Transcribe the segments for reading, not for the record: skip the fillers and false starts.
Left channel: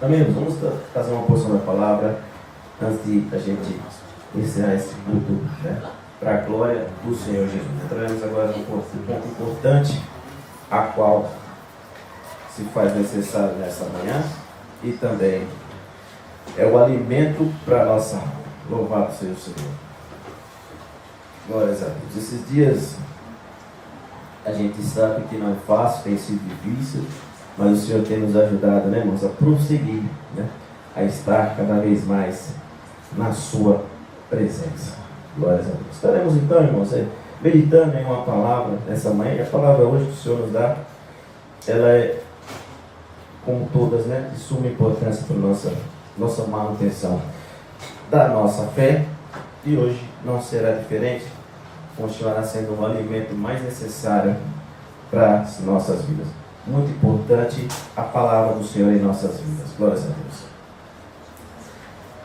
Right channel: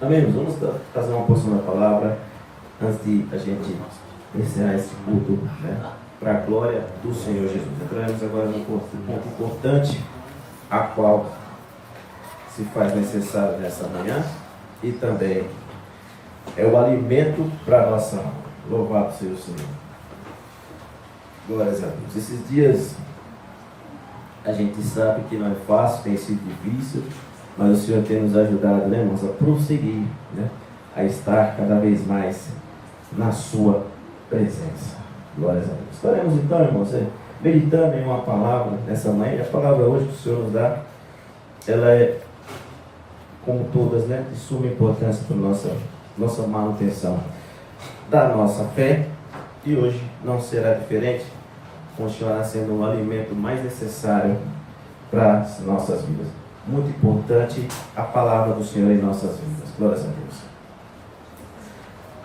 Amém? Vamos fazer uma porção da palavra antes de a gente encerrar esse culto, né? Para a glória do Senhor Jesus. Entramos agora num ponto importante, a qual se faz necessário nessa manhã e também é o alimento para a nossa alma. Louvado seja o Senhor. Glórias a Deus. Esses dias a gente sabe que não é fácil, tem sido difícil, mas o Senhor tem nos ajudado, né, irmãos, a prosseguir, né, a estar cada vez mais na sua presença. Glórias a Deus. Estaremos então, irmãos, meditando em uma palavra nessa manhã. E a palavra hoje que o Senhor nos dá, ela é, como todas, né, de suma importância para a nossa manutenção da nossa fé. E hoje não será diferente, continuará sendo um alimento mais necessário para as nossas vidas. Muito importante a palavra do Senhor em nossas vidas. Glórias a Deus.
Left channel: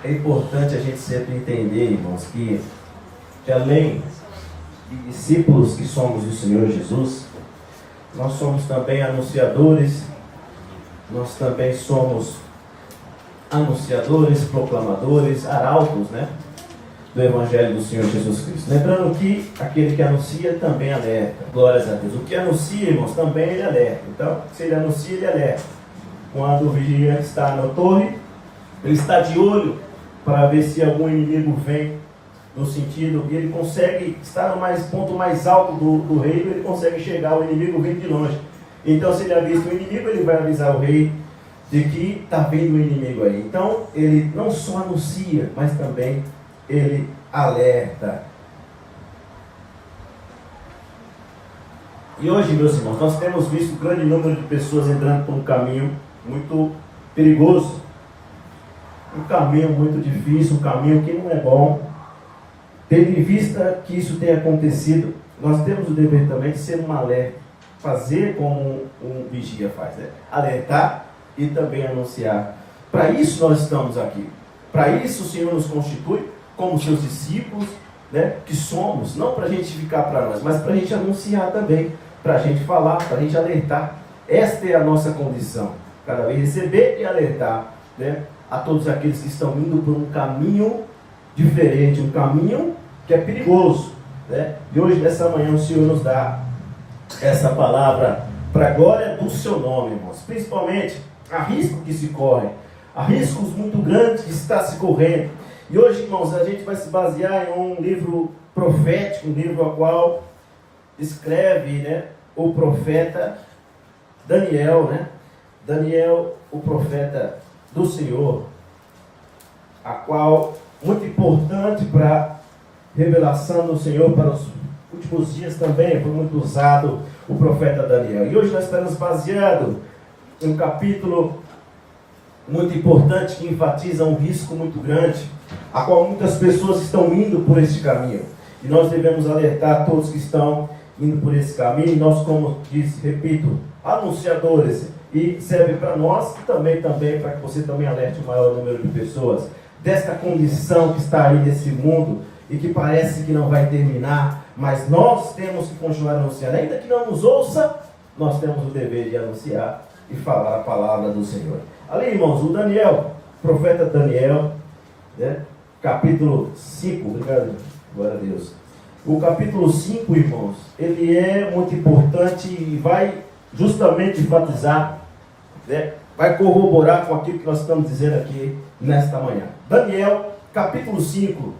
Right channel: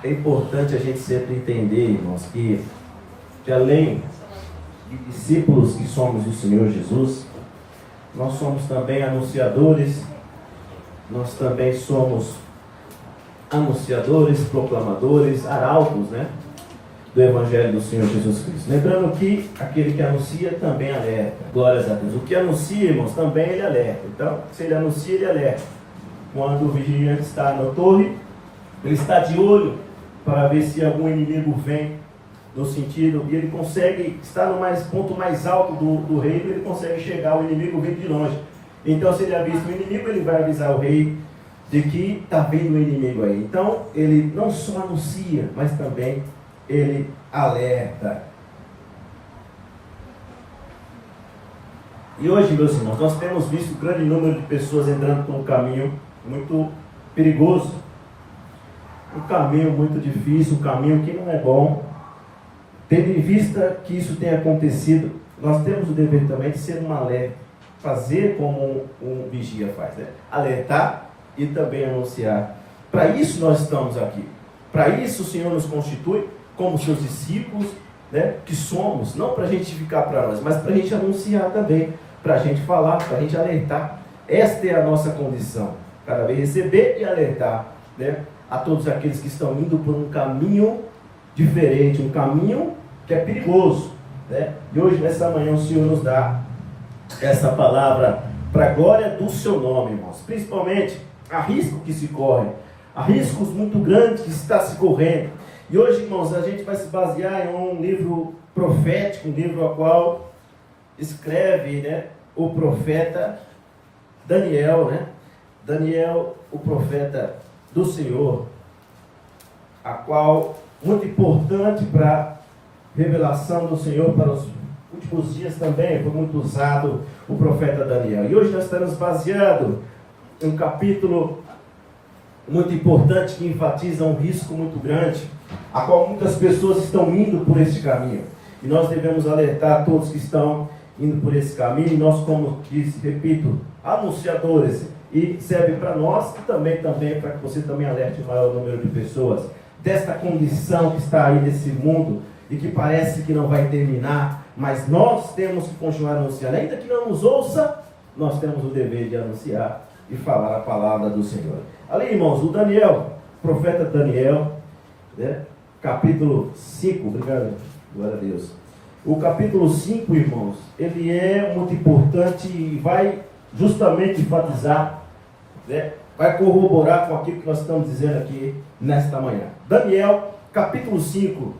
É importante a gente sempre entender, irmãos, que além de discípulos que somos do Senhor Jesus, nós somos também anunciadores, nós também somos anunciadores, proclamadores, arautos, né, do Evangelho do Senhor Jesus Cristo. Lembrando que aquele que anuncia também alerta. Glórias a Deus. O que anuncia, irmãos, também ele alerta. Então, se ele anuncia, ele alerta. Quando o vigia está na torre, ele está de olho para ver se algum inimigo vem no sentido, e ele consegue estar no ponto mais alto do reino, ele consegue chegar, o inimigo vem de longe. Então, se ele avista o inimigo, ele vai avisar o rei de que está vendo o inimigo aí. Então, ele não só anuncia, mas também ele alerta. E hoje, meus irmãos, nós temos visto um grande número de pessoas entrando por um caminho muito perigoso, um caminho muito difícil, um caminho que não é bom. Tendo em vista que isso tem acontecido, nós temos o dever também de ser um alerta, fazer como um vigia faz, né? Alertar e também anunciar. Para isso nós estamos aqui. Para isso o Senhor nos constitui como seus discípulos, né, que somos, não para a gente ficar para nós, mas para a gente anunciar também, para a gente falar, para a gente alertar. Esta é a nossa condição, cada vez receber e alertar, né, a todos aqueles que estão indo por um caminho diferente, um caminho que é perigoso, né? E hoje, nessa manhã, o Senhor nos dá essa palavra para a glória do seu nome, irmãos. Principalmente, há risco que se corre, há riscos muito grandes que está se correndo. E hoje, irmãos, a gente vai se basear em um livro profético, um livro ao qual escreve, né, o profeta Daniel, né? Daniel, o profeta do Senhor, a qual muito importante para a revelação do Senhor para os últimos dias também, foi muito usado o profeta Daniel. E hoje nós estamos baseados em um capítulo muito importante que enfatiza um risco muito grande, a qual muitas pessoas estão indo por esse caminho. E nós devemos alertar todos que estão indo por esse caminho. E nós, como disse, repito, anunciadores, e serve para nós e também para que você também alerte o maior número de pessoas desta condição que está aí nesse mundo e que parece que não vai terminar, mas nós temos que continuar anunciando. Ainda que não nos ouça, nós temos o dever de anunciar e falar a palavra do Senhor. Ali, irmãos, o Daniel, profeta Daniel, né, capítulo 5, obrigado, glória a Deus. O capítulo 5, irmãos, ele é muito importante e vai justamente enfatizar, né, vai corroborar com aquilo que nós estamos dizendo aqui nesta manhã. Daniel, capítulo 5,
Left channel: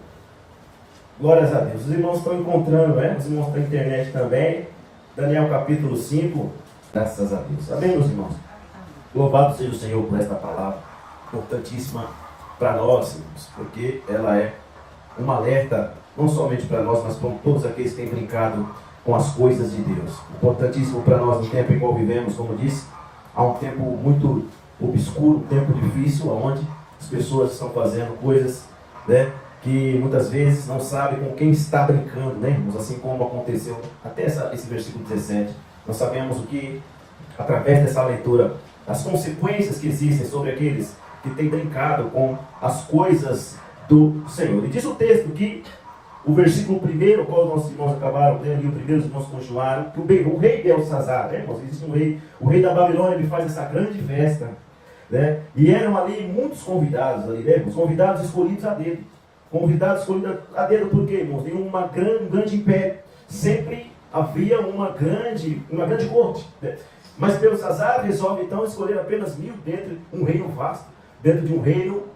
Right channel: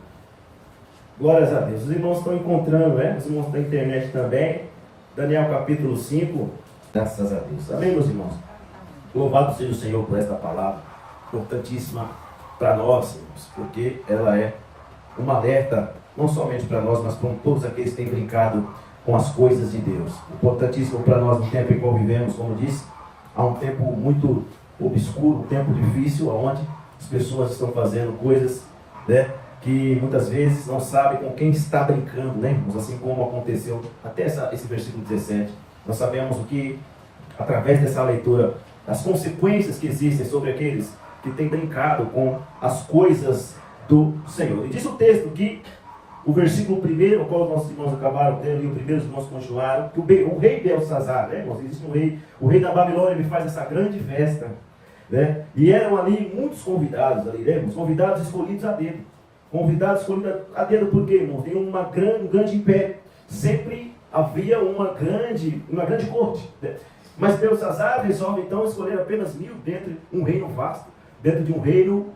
glórias a Deus. Os irmãos estão encontrando, né? Os irmãos da internet também. Daniel, capítulo 5, graças a Deus. Amém, meus irmãos? Louvado seja o Senhor por esta palavra, importantíssima para nós, irmãos, porque ela é um alerta, não somente para nós, mas para todos aqueles que têm brincado com as coisas de Deus. Importantíssimo para nós no tempo em que vivemos, como disse, há um tempo muito obscuro, um tempo difícil, onde as pessoas estão fazendo coisas, né, que muitas vezes não sabem com quem está brincando, né, irmãos? Assim como aconteceu até esse versículo 17. Nós sabemos o que, através dessa leitura, as consequências que existem sobre aqueles que têm brincado com as coisas do Senhor. E diz o texto que o versículo 1, o qual nossos irmãos acabaram de ler, o primeiro os irmãos continuaram, que o rei Belsazar, né, irmãos, existe um rei, o rei da Babilônia, ele faz essa grande festa, né? E eram ali muitos convidados ali, né? Os convidados escolhidos a dedo. Convidados escolhidos a dedo por quê, irmãos? Tem um grande império. Sempre havia uma grande corte, né? Mas Belsazar resolve então escolher apenas 1000 dentro de um reino vasto, dentro de um reino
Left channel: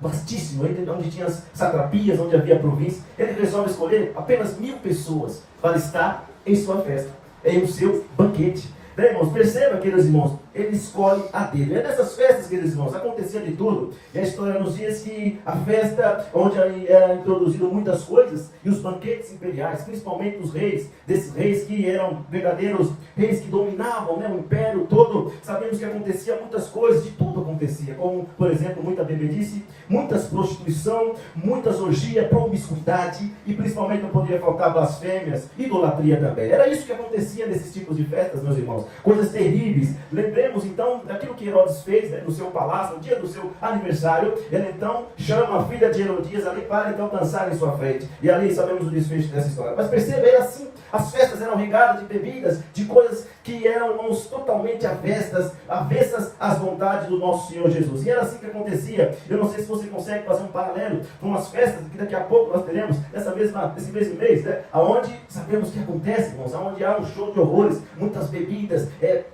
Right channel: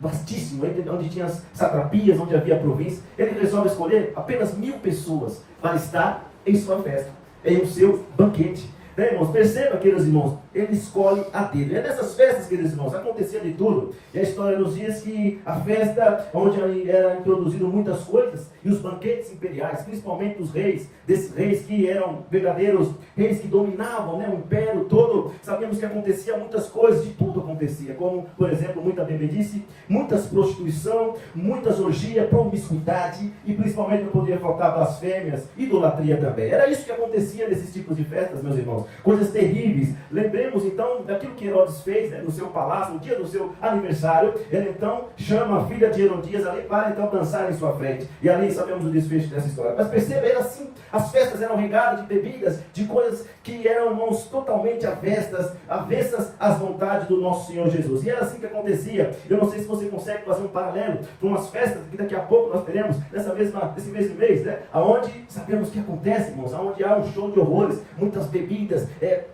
vastíssimo, onde tinha as satrapias, onde havia província. Ele resolve escolher apenas 1000 pessoas para estar em sua festa, em o seu banquete. Né, irmãos? Perceba, queridos irmãos, ele escolhe a dedo. É nessas festas, queridos irmãos, acontecia de tudo. E a história nos diz que a festa, onde era introduzido muitas coisas, e os banquetes imperiais, principalmente os reis, desses reis que eram verdadeiros reis que dominavam, né, o império todo, sabemos que acontecia muitas coisas, de tudo acontecia, como, por exemplo, muita bebedice, muitas prostituição, muitas orgias, promiscuidade, e principalmente não poderia faltar blasfêmias, idolatria também. Era isso que acontecia nesses tipos de festas, meus irmãos. Coisas terríveis. Lembremos então daquilo que Herodes fez, né, no seu palácio, no dia do seu aniversário. Ele então chama a filha de Herodias ali para então dançar em sua frente. E ali sabemos o desfecho dessa história. Mas perceba, era assim, as festas eram regadas de bebidas, de coisas que eram, irmãos, totalmente avessas às vontades do nosso Senhor Jesus. E era assim que acontecia. Eu não sei se você consegue fazer um paralelo com umas festas que daqui a pouco nós teremos nesse mesmo mês, né? Aonde sabemos que acontece, irmãos, aonde há um show de horrores, muitas bebidas,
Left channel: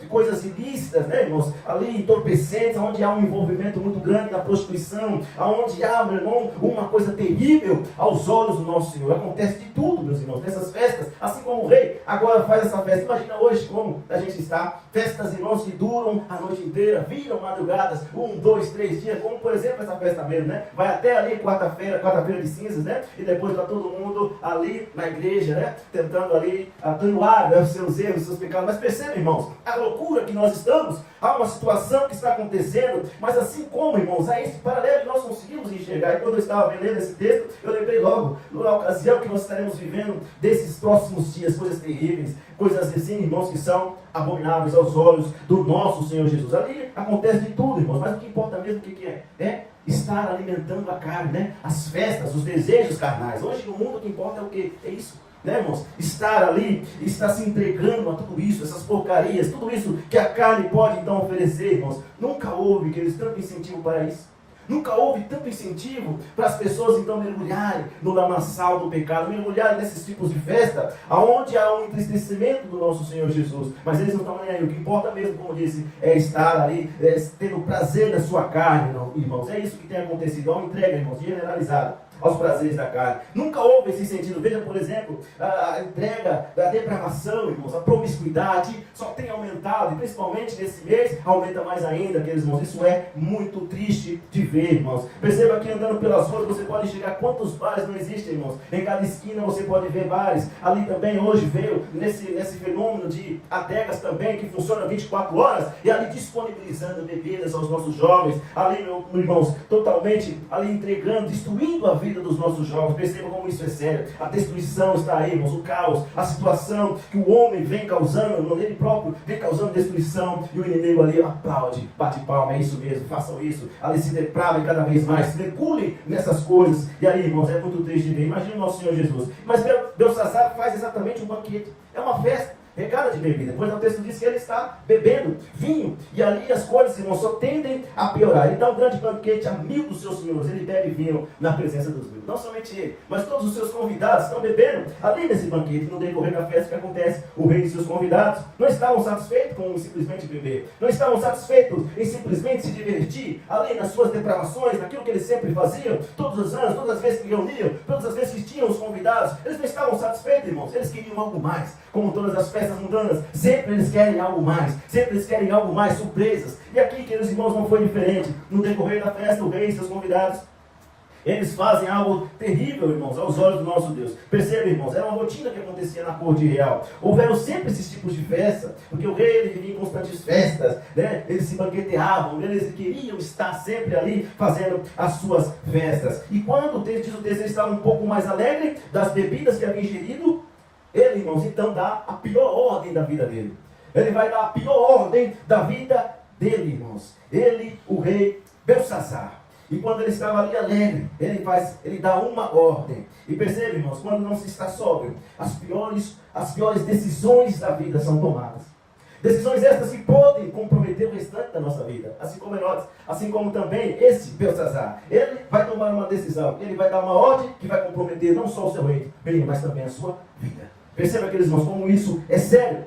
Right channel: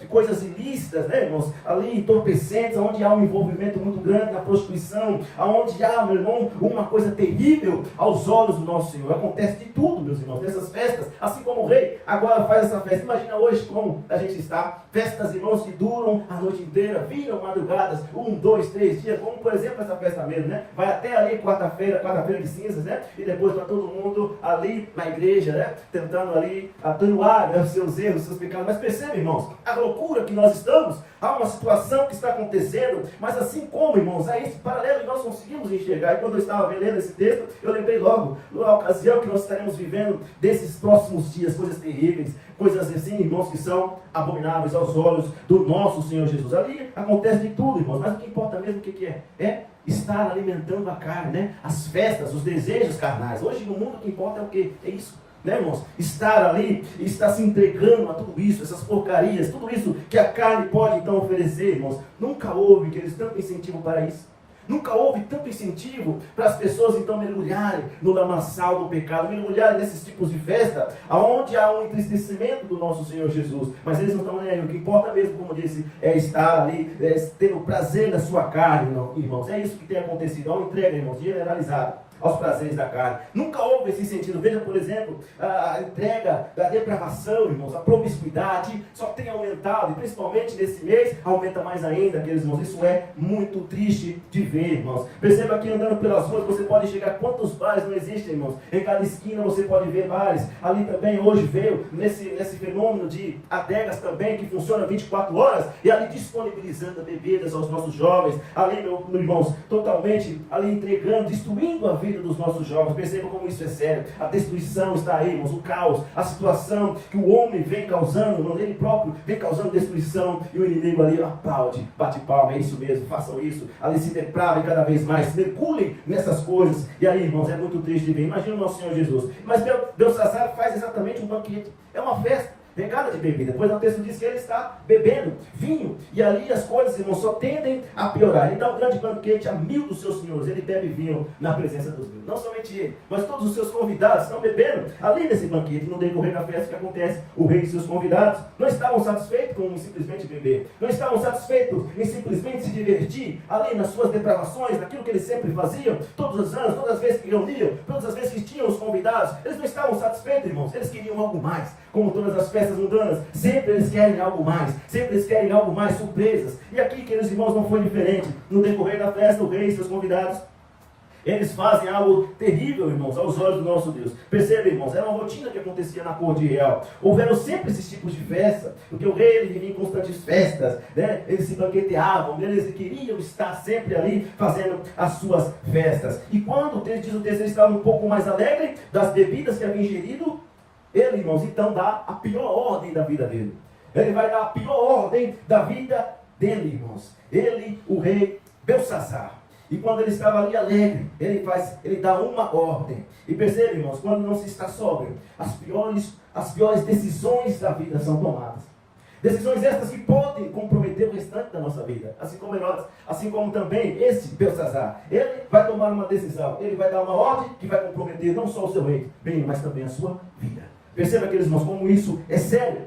coisas ilícitas, né, irmãos, ali entorpecentes, onde há um envolvimento muito grande na prostituição, onde há, meu irmão, uma coisa terrível aos olhos do nosso Senhor. Acontece de tudo, meus irmãos, nessas festas, assim como o rei agora faz essa festa. Imagina hoje como a gente está, festas, irmãos, que duram a noite inteira, viram madrugadas, 1, 2, 3 dias, como por exemplo essa festa mesmo, né, vai até ali quarta-feira de cinzas, né, e depois está todo mundo ali na igreja, né, tentando ali atenuar, né, os seus erros, os seus pecados. Mas perceba, irmãos, a loucura que nós estamos, há uma situação que está acontecendo, mas assim como, irmãos, é esse paralelo que nós conseguimos enxergar. E quando eu estava lendo esse texto, eu lembrei logo, na ocasião que nós estaremos vivendo desses próximos dias, coisas terríveis, coisas assim, irmãos, que são abomináveis aos olhos do nosso Senhor Jesus. Ali acontece de tudo, irmãos, mas o que importa mesmo, o que é? É estar alimentando a carne, né? As festas, os desejos carnais. Hoje no mundo o que importa é o que? É isso. Né, irmãos? Estar ali, estar se entregando a tudo isso, essas porcarias, tudo isso que a carne pode então oferecer, irmãos. Nunca houve, queridos, tanto incentivo para isso. Nunca houve tanto incentivo para as pessoas então mergulharem no lamaçal do pecado, mergulharem nesses tipos de festa, aonde há um entristecimento do nosso Senhor Jesus. Mas eles não estão nem aí. O que importa mesmo, como eu disse, é estar ali, ter o prazer da sua carne, não, irmãos. É isso que tem acontecido. Há uma entrega, irmãos, generalizada aos prazeres da carne. Nunca houve esse sentido. Veja, por exemplo, a entrega da depravação, irmãos, a promiscuidade só tem aumentado, e principalmente nesse mês, aumenta mais ainda, aqueles irmãos. Isso é muito triste de ver, irmãos. Perceba que andando pelas ruas, você pode chegar quantos bares não existem, irmãos. Em cada esquina você pode ver bares. Ali também hoje veio nesse fenômeno de adegas também, que funciona 24 horas, e ali disponibilizando bebidas aos nossos jovens, ali, meus irmãos, totalmente ali entregando, destruindo a vida dos nossos jovens. Percebam como isso é sério. A destruição está aí, irmãos, o caos, a situação que o homem vem causando, ele próprio vem causando destruição, e o inimigo ali aplaude, bate palma, é isso mesmo, façam isso, ali se depravem cada vez mais, mergulhem nessas coisas. E aí, irmãos, é muito triste de ver. Imagina o nosso Senhor Jesus. Mas Belsazar faz exatamente um banquete, é uma festa regada de bebida. Depois o texto diz que ele está bebendo vinho, e ali as coisas, irmãos, só tendem a piorar. Ele dá um grande banquete a 1000 dos seus senhores. Ele bebe vinho na presença dos 1000. Não somente ele, mas todos os seus convidados estão bebendo ali nesse banquete. No decorrer da festa, o que acontece? O rei e seus convidados não estavam satisfeitos com simplesmente beber, não estavam satisfeitos em simplesmente se divertir ali nas suas depravações, naquilo que eles sempre faziam, todos os anos, todas as vezes que reuniam, todas as vezes que tinham os convidados. Eles não estavam satisfeitos, irmãos, eles queriam algo mais. Como todas as festas mundanas, sempre eles querem algo mais, sempre eles querem algo mais, surpresas. E aqui, queridos irmãos, não foi diferente. No decorrer da festa, o rei e seus convidados, eles fazem algo terrível, irmãos, aos olhos do nosso Deus. Percebe, irmãos, era uma rotina que acontecia na corte real. Houveram sempre esses tipos de festa, porque o rei, ele vivia em constantes festas, né? Eles se banqueteavam, eles queriam estar sempre ali fazendo as suas festas. E quando, diz o texto, ele estava um pouco mais alegre das bebidas que havia ingerido, ele, irmãos, então dá a pior ordem da vida dele. Ele vai dar a pior ordem da vida dele, irmãos. Ele, o rei Belsazar. E quando ele estava ali alegre, ele dá uma ordem. E percebe, irmãos, quando não se está sóbrio, as piores decisões da vida são tomadas. Decisões estas que podem comprometer o restante da nossa vida, assim como nós, assim como também esse Belsazar. Ele vai tomar uma decisão, ele vai dar uma ordem que vai comprometer não só o seu reino, bem, mas também a sua vida. Perceba, queridos irmãos, como isso é sério.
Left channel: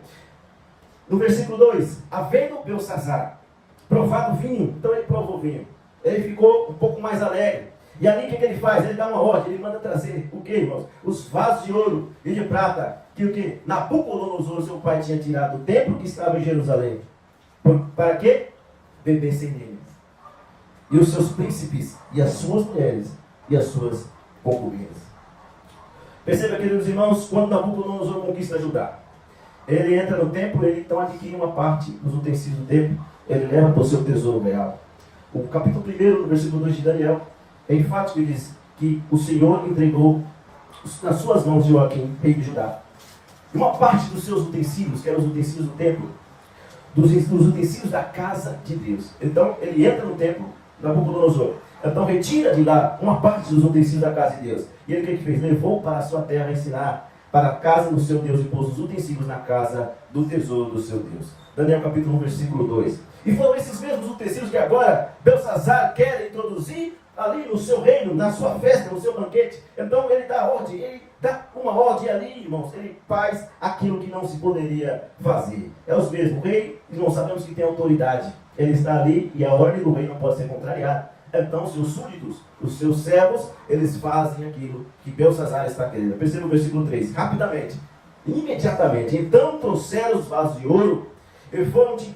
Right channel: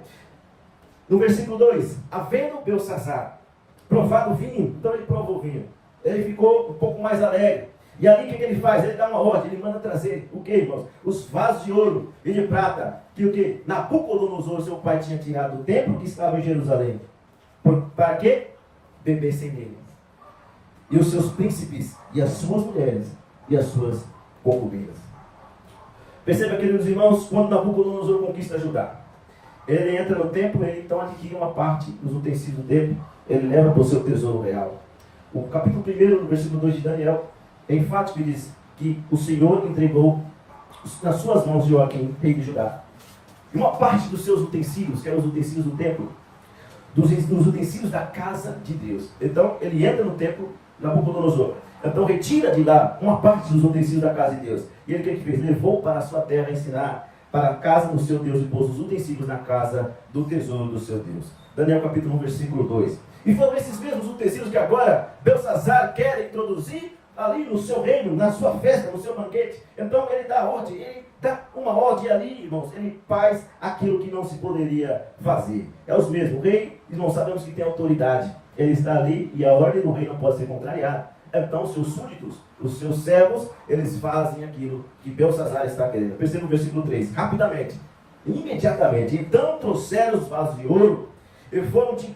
No versículo 2, havendo Belsazar provado o vinho, então ele prova o vinho. Ele ficou um pouco mais alegre. E ali o que ele faz? Ele dá uma ordem, ele manda trazer o que, irmãos? Os vasos de ouro e de prata, que o que? Nabucodonosor, seu pai, tinha tirado do templo que estava em Jerusalém. Para que? Bebessem nele. E os seus príncipes, e as suas mulheres, e as suas concubinas. Perceba, queridos irmãos, quando Nabucodonosor conquista Judá, ele entra no templo, ele então adquire uma parte dos utensílios do templo, ele leva para o seu tesouro real. O capítulo 1, no versículo 2 de Daniel, é enfático e diz que o Senhor entregou nas suas mãos Joaquim, rei de Judá. E uma parte dos seus utensílios, que eram os utensílios do templo, dos utensílios da casa de Deus. Então, ele entra no templo, Nabucodonosor. Então, retira de lá uma parte dos utensílios da casa de Deus. E ele, o que fez? Levou para a sua terra ensinar para a casa do seu Deus e pôs os utensílios na casa do tesouro do seu Deus. Daniel capítulo 1, versículo 2. E foram esses mesmos utensílios que agora Belsazar quer introduzir ali no seu reino, na sua festa, no seu banquete. Então ele dá ordem, ele dá uma ordem ali, irmãos. Ele faz aquilo que não se poderia fazer. É os mesmos. O rei, nós sabemos que tem autoridade. Ele está ali e a ordem do rei não pode ser contrariada. Então, seus súditos, os seus servos, eles fazem aquilo que Belsazar está querendo. Perceba o versículo 3, rapidamente. Imediatamente, então trouxeram os vasos de ouro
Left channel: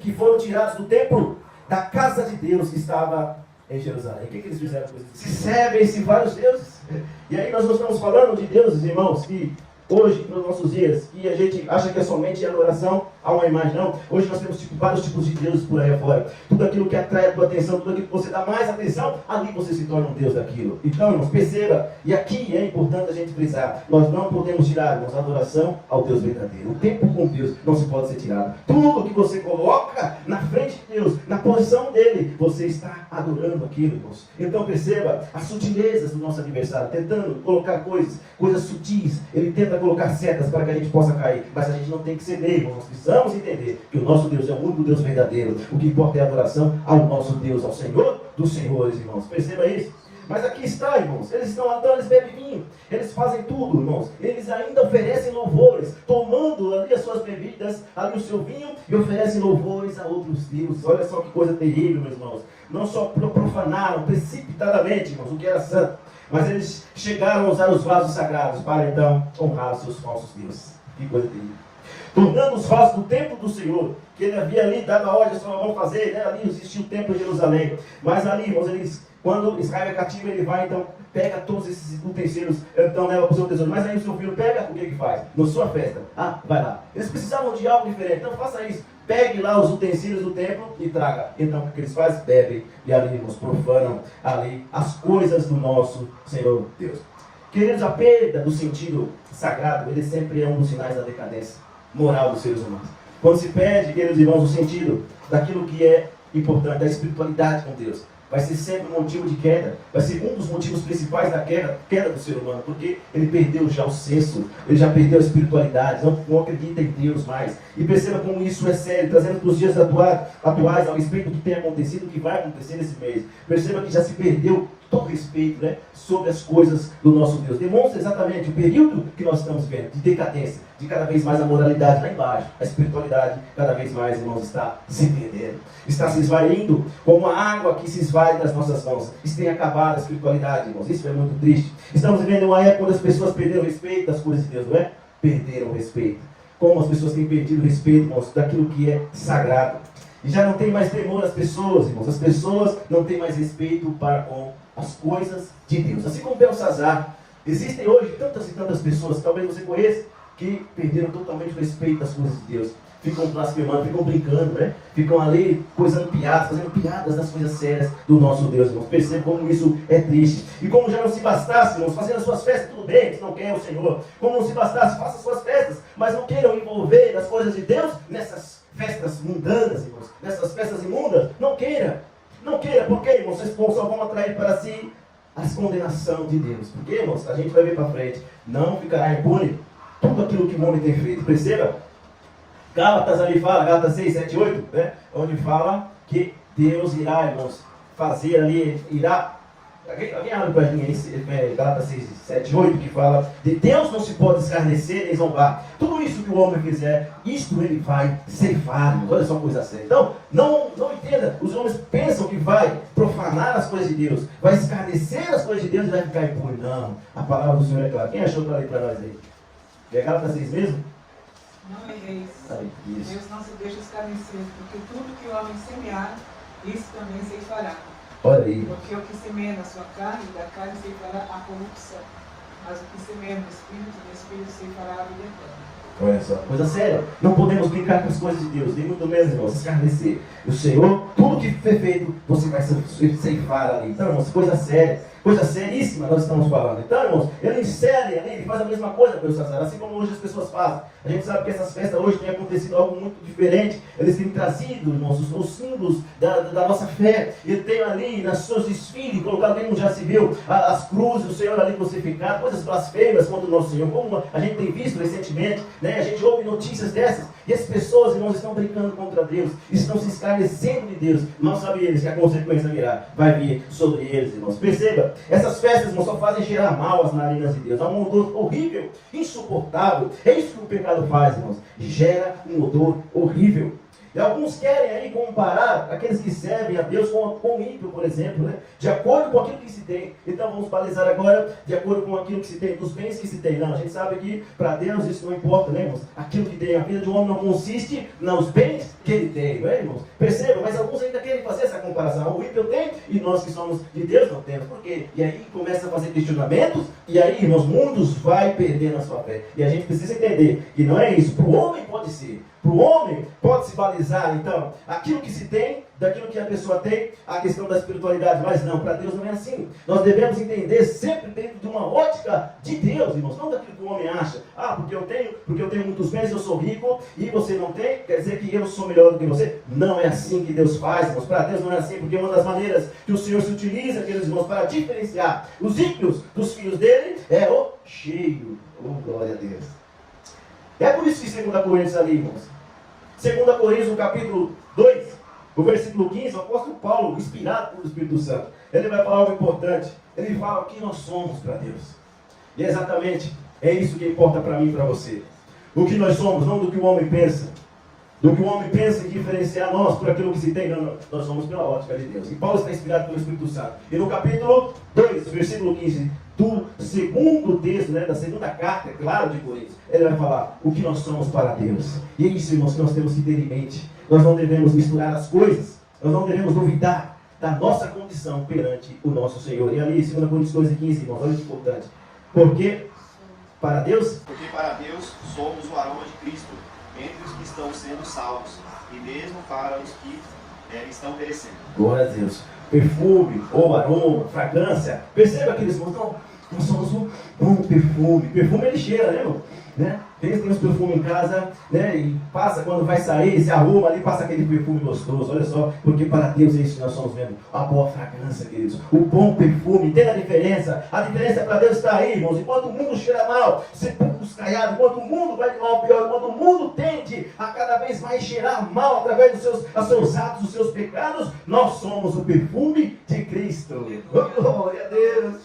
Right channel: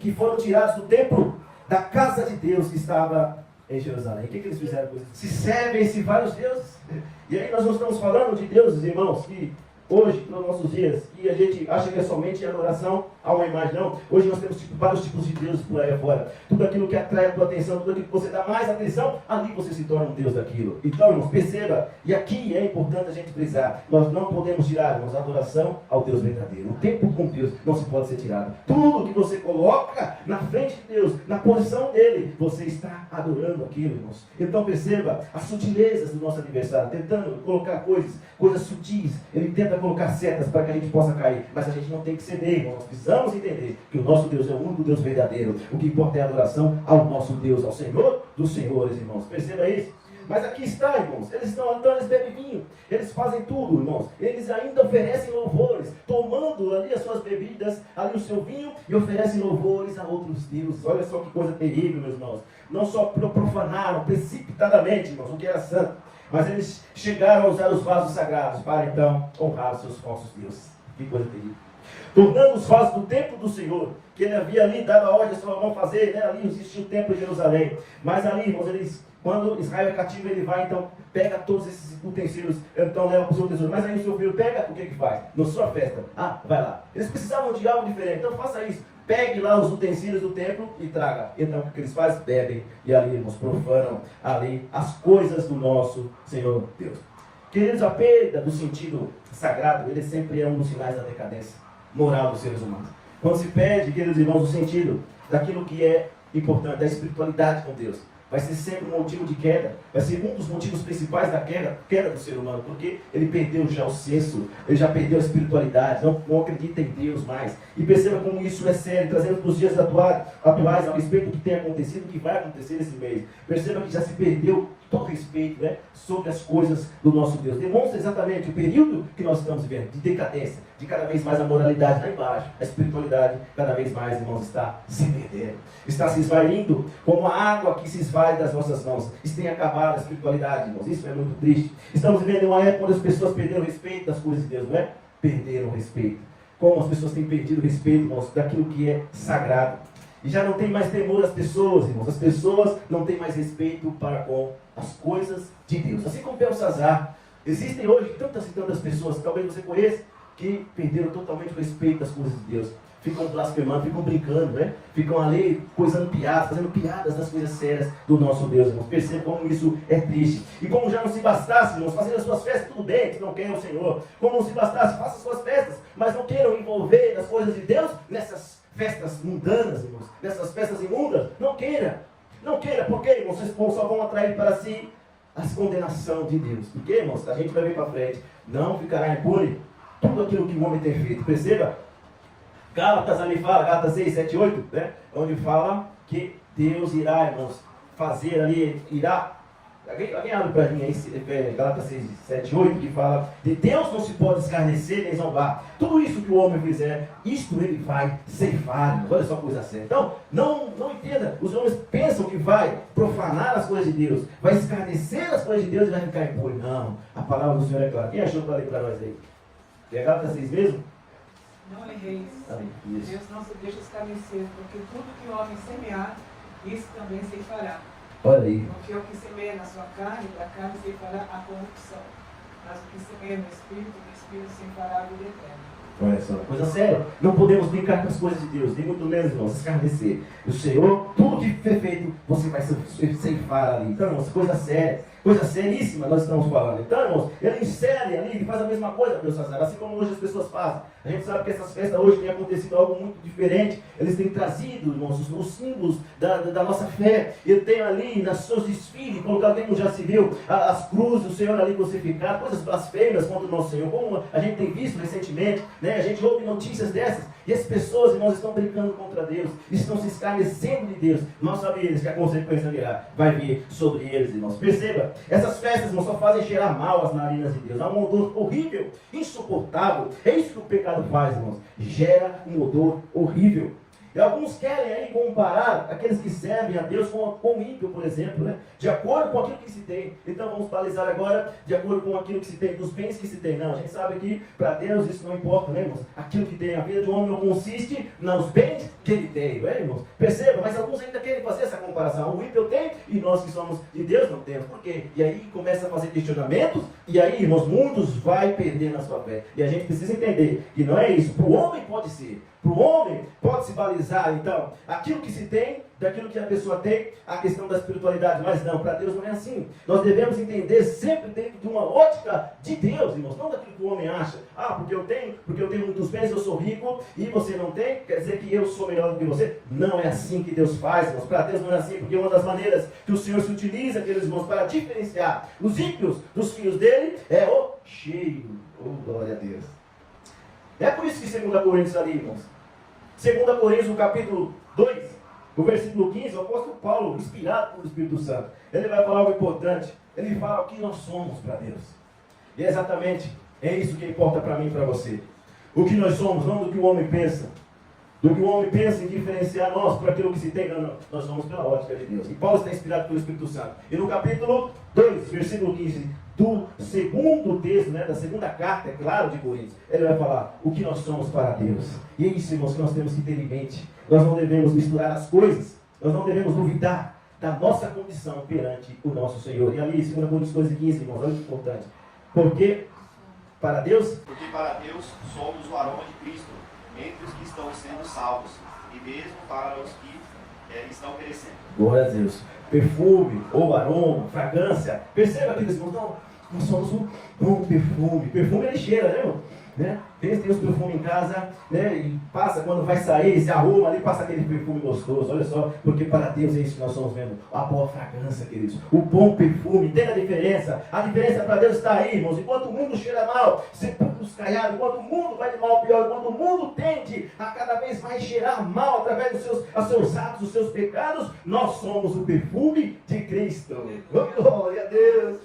que foram tirados do templo da casa de Deus que estava em Jerusalém. O que eles fizeram com isso? Se servem-se vários deuses. E aí nós não estamos falando de deuses, irmãos, que hoje, nos nossos dias, que a gente acha que é somente adoração a uma imagem. Não. Hoje nós temos vários tipos de deuses por aí afora. Tudo aquilo que atrai a tua atenção, tudo aquilo que você dá mais atenção, ali você se torna um deus daquilo. Então, irmãos, perceba, e aqui é importante a gente frisar, nós não podemos tirar, irmãos, a adoração ao Deus verdadeiro. O tempo com Deus não se pode ser tirado. Tudo que você coloca na frente de Deus, na posição dele, você está adorando aquilo, irmãos. Então, perceba as sutilezas do nosso adversário, tentando colocar coisas sutis. Ele tenta colocar setas para que a gente possa cair, mas a gente não tem que ceder, irmãos. Nós precisamos entender que o nosso Deus é o único Deus verdadeiro. O que importa é a adoração ao nosso Deus, ao Senhor dos senhores, irmãos. Perceba isso. Mas aqui está, irmãos, eles estão andando, eles bebem vinho, eles fazem tudo, irmãos. Eles ainda oferecem louvores, tomando ali as suas bebidas, ali o seu vinho, e oferecem louvores a outros deuses. Olha só que coisa terrível, meus irmãos. Não só profanaram precipitadamente, irmãos, o que era santo, mas eles chegaram a usar os vasos sagrados para então honrar os seus falsos deuses. Que coisa terrível. Tornando os vasos do templo do Senhor, que ele havia ali dado a ordem a Salomão fazer, né? Ali existia o templo de Jerusalém. Mas ali, irmãos, quando Israel é cativo, ele vai, então, pega todos esses utensílios, então leva para o seu tesouro. Mas aí o seu filho pega, o que faz? Na sua festa. Vai lá. Eles precisavam de algo diferente, então faça isso. Pegue lá os utensílios do templo e traga. Então, o que eles fazem? Bebem e ali, irmãos, profanam ali as coisas do nosso Senhor Deus. Queridos, a perda do sentido sagrado, ele sempre é um dos sinais da decadência moral dos seres humanos. Quando se perde, queridos irmãos, o sentido daquilo que é importante, da espiritualidade com Deus, vai ser sempre um motivo de queda, vai ser um dos motivos principais da queda do ser humano, porque ele perdeu já o senso, ele já perdeu a espiritualidade, não acredita em Deus mais. E perceba como isso é sério, trazendo para os dias atuais a respeito do que tem acontecido, do que vai acontecer nesse mês. Perceba que já se perdeu todo respeito, né, sobre as coisas do nosso Deus. Demonstra exatamente o período que nós estamos vendo, de decadência, de cada vez mais a moralidade lá embaixo, a espiritualidade cada vez mais, irmãos, está se perdendo, está se esvaindo como a água que se esvai das nossas mãos. Isso tem acabado a espiritualidade, irmãos, isso é muito triste. Estamos vivendo uma época onde as pessoas perderam o respeito das coisas de Deus, não é? Perderam o respeito. Como as pessoas têm perdido o respeito, irmãos, daquilo que é sagrado. E já não tem mais temor às pessoas, irmãos. As pessoas não têm mais respeito para com as coisas de Deus. Assim como Belsazar, existem hoje tantas e tantas pessoas, talvez você conheça, que perderam totalmente o respeito das coisas de Deus. Ficam blasfemando, ficam brincando, né? Ficam ali coisando piadas, fazendo piadas das coisas sérias do nosso Deus, irmãos. Percebam como isso é triste. E como já não se bastasse, irmãos, fazendo as suas festas, tudo bem, se não quer o Senhor. Como não se bastasse, faça as suas festas, mas não queiram envolver as coisas de Deus nessas festas mundanas, irmãos. Nessas festas imundas. Não queira. Não queira, porque, irmãos, vocês só vão atrair para si a condenação de Deus. Porque, irmãos, a gente vai ver para frente. Não ficará impune tudo aquilo que o homem tem feito. Perceba? Gálatas ali fala, Gálatas 6, 7, 8, né? Onde fala que Deus irá, irmãos, fazer ali, irá. Alguém abre para mim aí, Gálatas 6, 7, 8, que fala de Deus não se pode escarnecer nem zombar. Tudo isso que o homem fizer, isto ele vai ceifar, irmãos. Olha só uma coisa séria. Então, não entenda, os homens pensam que vai profanar as coisas de Deus, vai escarnecer as coisas de Deus e vai ficar impuro. Não, a palavra do Senhor é clara. Quem achou que eu falei para nós aí? É Gálatas 6 mesmo? Não erreis. Deus não se deixa escarnecer, porque tudo que o homem semear, isso também ceifará. Olha aí. Porque o que semeia na sua carne, da carne ceifará a corrupção. Mas o que semeia no Espírito ceifará a vida eterna. Olha só, coisa séria. Não podemos brincar com as coisas de Deus, nem muito menos, irmãos, escarnecer. E o Senhor, tudo que foi feito, você vai ceifar ali. Então, irmãos, coisa séria. Coisa seríssima nós estamos falando. Então, irmãos, ele insere ali, ele faz a mesma coisa para o sacerdote, assim como hoje as pessoas fazem. A gente sabe que essas festas hoje têm acontecido algo muito diferente. Eles têm trazido, irmãos, os símbolos da nossa fé. Eu tenho ali nas seus desfiles, colocado, quem não já se viu, as cruzes, o Senhor ali crucificado, coisas blasfêmias contra o nosso Senhor, como a gente tem visto recentemente, né? A gente ouve notícias dessas, e as pessoas, irmãos, estão brincando contra Deus, estão se escarnecendo de Deus. Não sabem eles que a consequência virá, vai vir sobre eles, irmãos. Perceba, essas festas, irmãos, só fazem cheirar mal as narinas de Deus. É um odor horrível, insuportável. É isso que o pecado faz, irmãos. Gera um odor horrível. E alguns querem aí comparar aqueles que servem a Deus com o ímpio, por exemplo, né? De acordo com aquilo que se tem. Então vamos balizar agora de acordo com aquilo que se tem, dos bens que se tem. Não, a gente sabe que para Deus isso não importa, né, irmãos? Aquilo que tem, a vida de um homem não consiste nos bens que ele tem, não é, irmãos? Perceba, mas alguns ainda querem fazer essa comparação. O ímpio tem e nós que somos de Deus não temos. Por quê? E aí começa a fazer questionamentos e aí, irmãos, muitos vai perder na sua fé. E a gente precisa entender que não é isso. Para o homem pode ser. Para o homem pode se balizar, então, aquilo que se tem, daquilo que a pessoa tem, a questão da espiritualidade, mas não, para Deus não é assim. Nós devemos entender sempre dentro de uma ótica de Deus, irmãos, não daquilo que o homem acha. Ah, porque eu tenho muitos bens, eu sou rico, e você não tem, quer dizer que eu sou melhor do que você. Não é assim que Deus faz, irmãos. Para Deus não é assim, porque uma das maneiras que o Senhor se utiliza, aqueles irmãos, para diferenciar os ímpios dos filhos dele, é o cheio. Oh, glória a Deus. É por isso que 2 Coríntios ali, irmãos. 2 Coríntios, no capítulo 2, o versículo 15, o apóstolo Paulo, inspirado pelo Espírito Santo, ele vai falar algo importante. Ele fala o que nós somos para Deus. E é exatamente, é isso que importa para mim e para você. O que nós somos, não do que o homem pensa. Do que o homem pensa em diferenciar nós por aquilo que se tem, não, nós somos pela ótica de Deus. E Paulo está inspirado pelo Espírito Santo. E no capítulo 2, versículo 15, do segundo texto, né, da segunda carta, é claro, de Coríntios, ele vai falar o que nós somos para Deus. E é isso, irmãos, que nós temos que ter em mente. Nós não devemos misturar as coisas, nós não devemos duvidar da nossa condição perante o nosso Senhor. E ali, 2 Coríntios 2:15, irmãos, olha que importante. Porque para Deus somos o aroma de Cristo entre os que estão sendo salvos, e mesmo para os que estão perecendo. Glória a Deus. Perfume, ou aroma, fragrância. Perceba, aqueles irmãos, não, nós somos um bom perfume. Perfume ele cheira, né, irmão? Né? Tem os perfumes em casa, né? E passa, quando vai sair, se arruma ali, passa aquele perfume gostoso. Olha só, porque para Deus é isso que nós somos mesmo. A boa fragrância, queridos. O bom perfume, entenda a diferença. A diferença para Deus está aí, irmãos. Enquanto o mundo cheira mal, sepulcros caiados, enquanto o mundo vai de mal ao pior, enquanto o mundo tende a cada vez mais cheirar mal através dos seus atos, dos seus pecados, nós somos o perfume de Cristo. Oh, glória a Deus.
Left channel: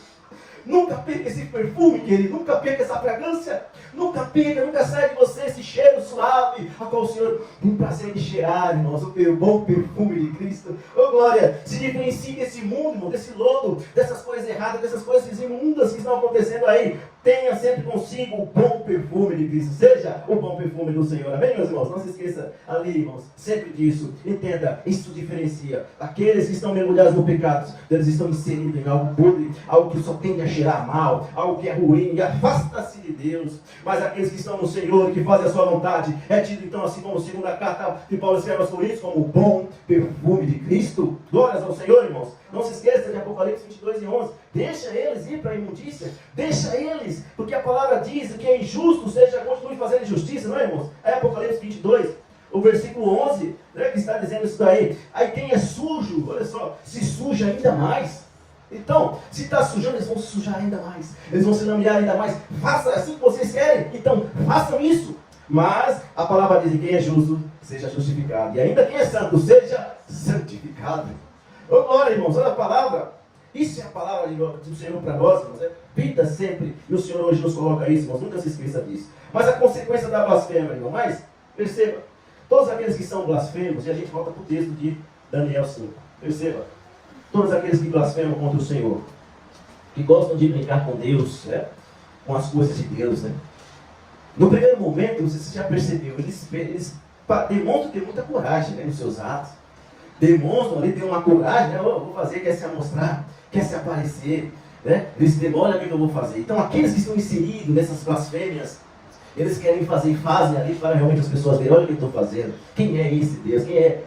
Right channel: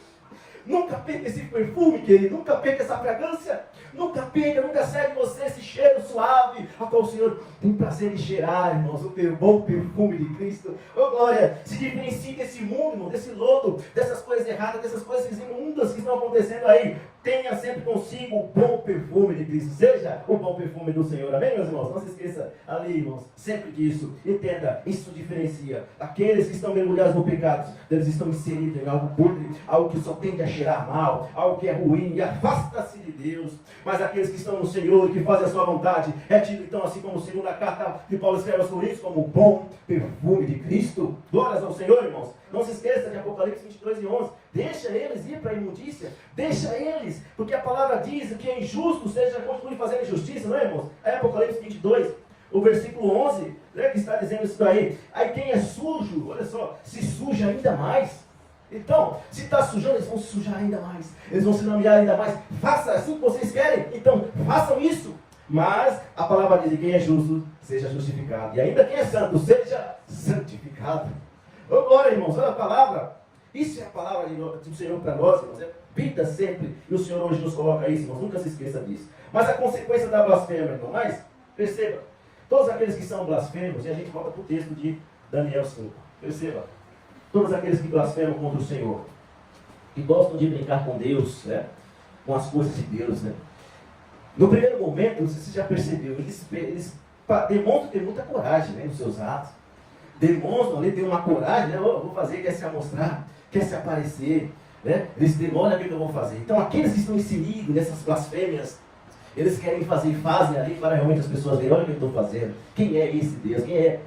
Nunca perca esse perfume, querido. Nunca perca essa fragrância. Nunca perca, nunca saia de você esse cheiro suave, a qual o Senhor tem prazer em cheirar, irmãos. O bom perfume de Cristo. Oh, glória. Se diferencie desse mundo, irmão, desse lodo, dessas coisas erradas, dessas coisas imundas que estão acontecendo aí. Tenha sempre consigo o bom perfume de Cristo. Seja o bom perfume do Senhor. Amém, meus irmãos? Não se esqueça ali, irmãos, sempre disso. Entenda, isso diferencia. Aqueles que estão mergulhados no pecado, eles estão inseridos em algo podre, algo que só tende a cheirar mal, algo que é ruim, e afasta-se de Deus. Mas aqueles que estão no Senhor, que fazem a sua vontade, é tido então assim como segunda carta de Paulo escreve aos Coríntios, como o bom perfume de Cristo. Glórias ao Senhor, irmãos. Não se esqueça de Apocalipse 22:11. Deixa eles ir para a imundícia. Deixa eles, porque a palavra diz que é injusto, seja, continue fazendo injustiça, não é, irmãos? É Apocalipse 22, o versículo 11, né, que está dizendo isso daí. Aí quem é sujo, olha só, se suja ainda mais. Então, se está sujando, eles vão se sujar ainda mais. Eles vão se lamear ainda mais. Faça assim que vocês querem. Então, façam isso. Mas a palavra diz que quem é justo seja justificado. E ainda quem é santo seja santificado. Ô, glória, irmãos, olha a palavra. Isso é a palavra do Senhor para nós, irmãos. É vida sempre. E o Senhor hoje nos coloca isso, irmãos. Nunca se esqueça disso. Mas a consequência da blasfêmia, irmão. Mas, perceba, todos aqueles que são blasfemos, e a gente volta para o texto de Daniel 5. Perceba, todos aqueles que blasfemam contra o Senhor, que gostam de brincar com Deus, né? Com as coisas de Deus, né? No primeiro momento, você já percebeu, eles demonstram ter muita coragem, né, nos seus atos. Demonstram ali, tem uma coragem, né? Eu vou fazer, quer se amostrar, quer se aparecer, né? Eles demoram o que eu vou fazer. Então, aqueles que estão inseridos nessas blasfêmias, eles querem fazer e fazem ali para realmente as pessoas verem, olha o que eu estou fazendo. Quem é esse Deus? Quem é?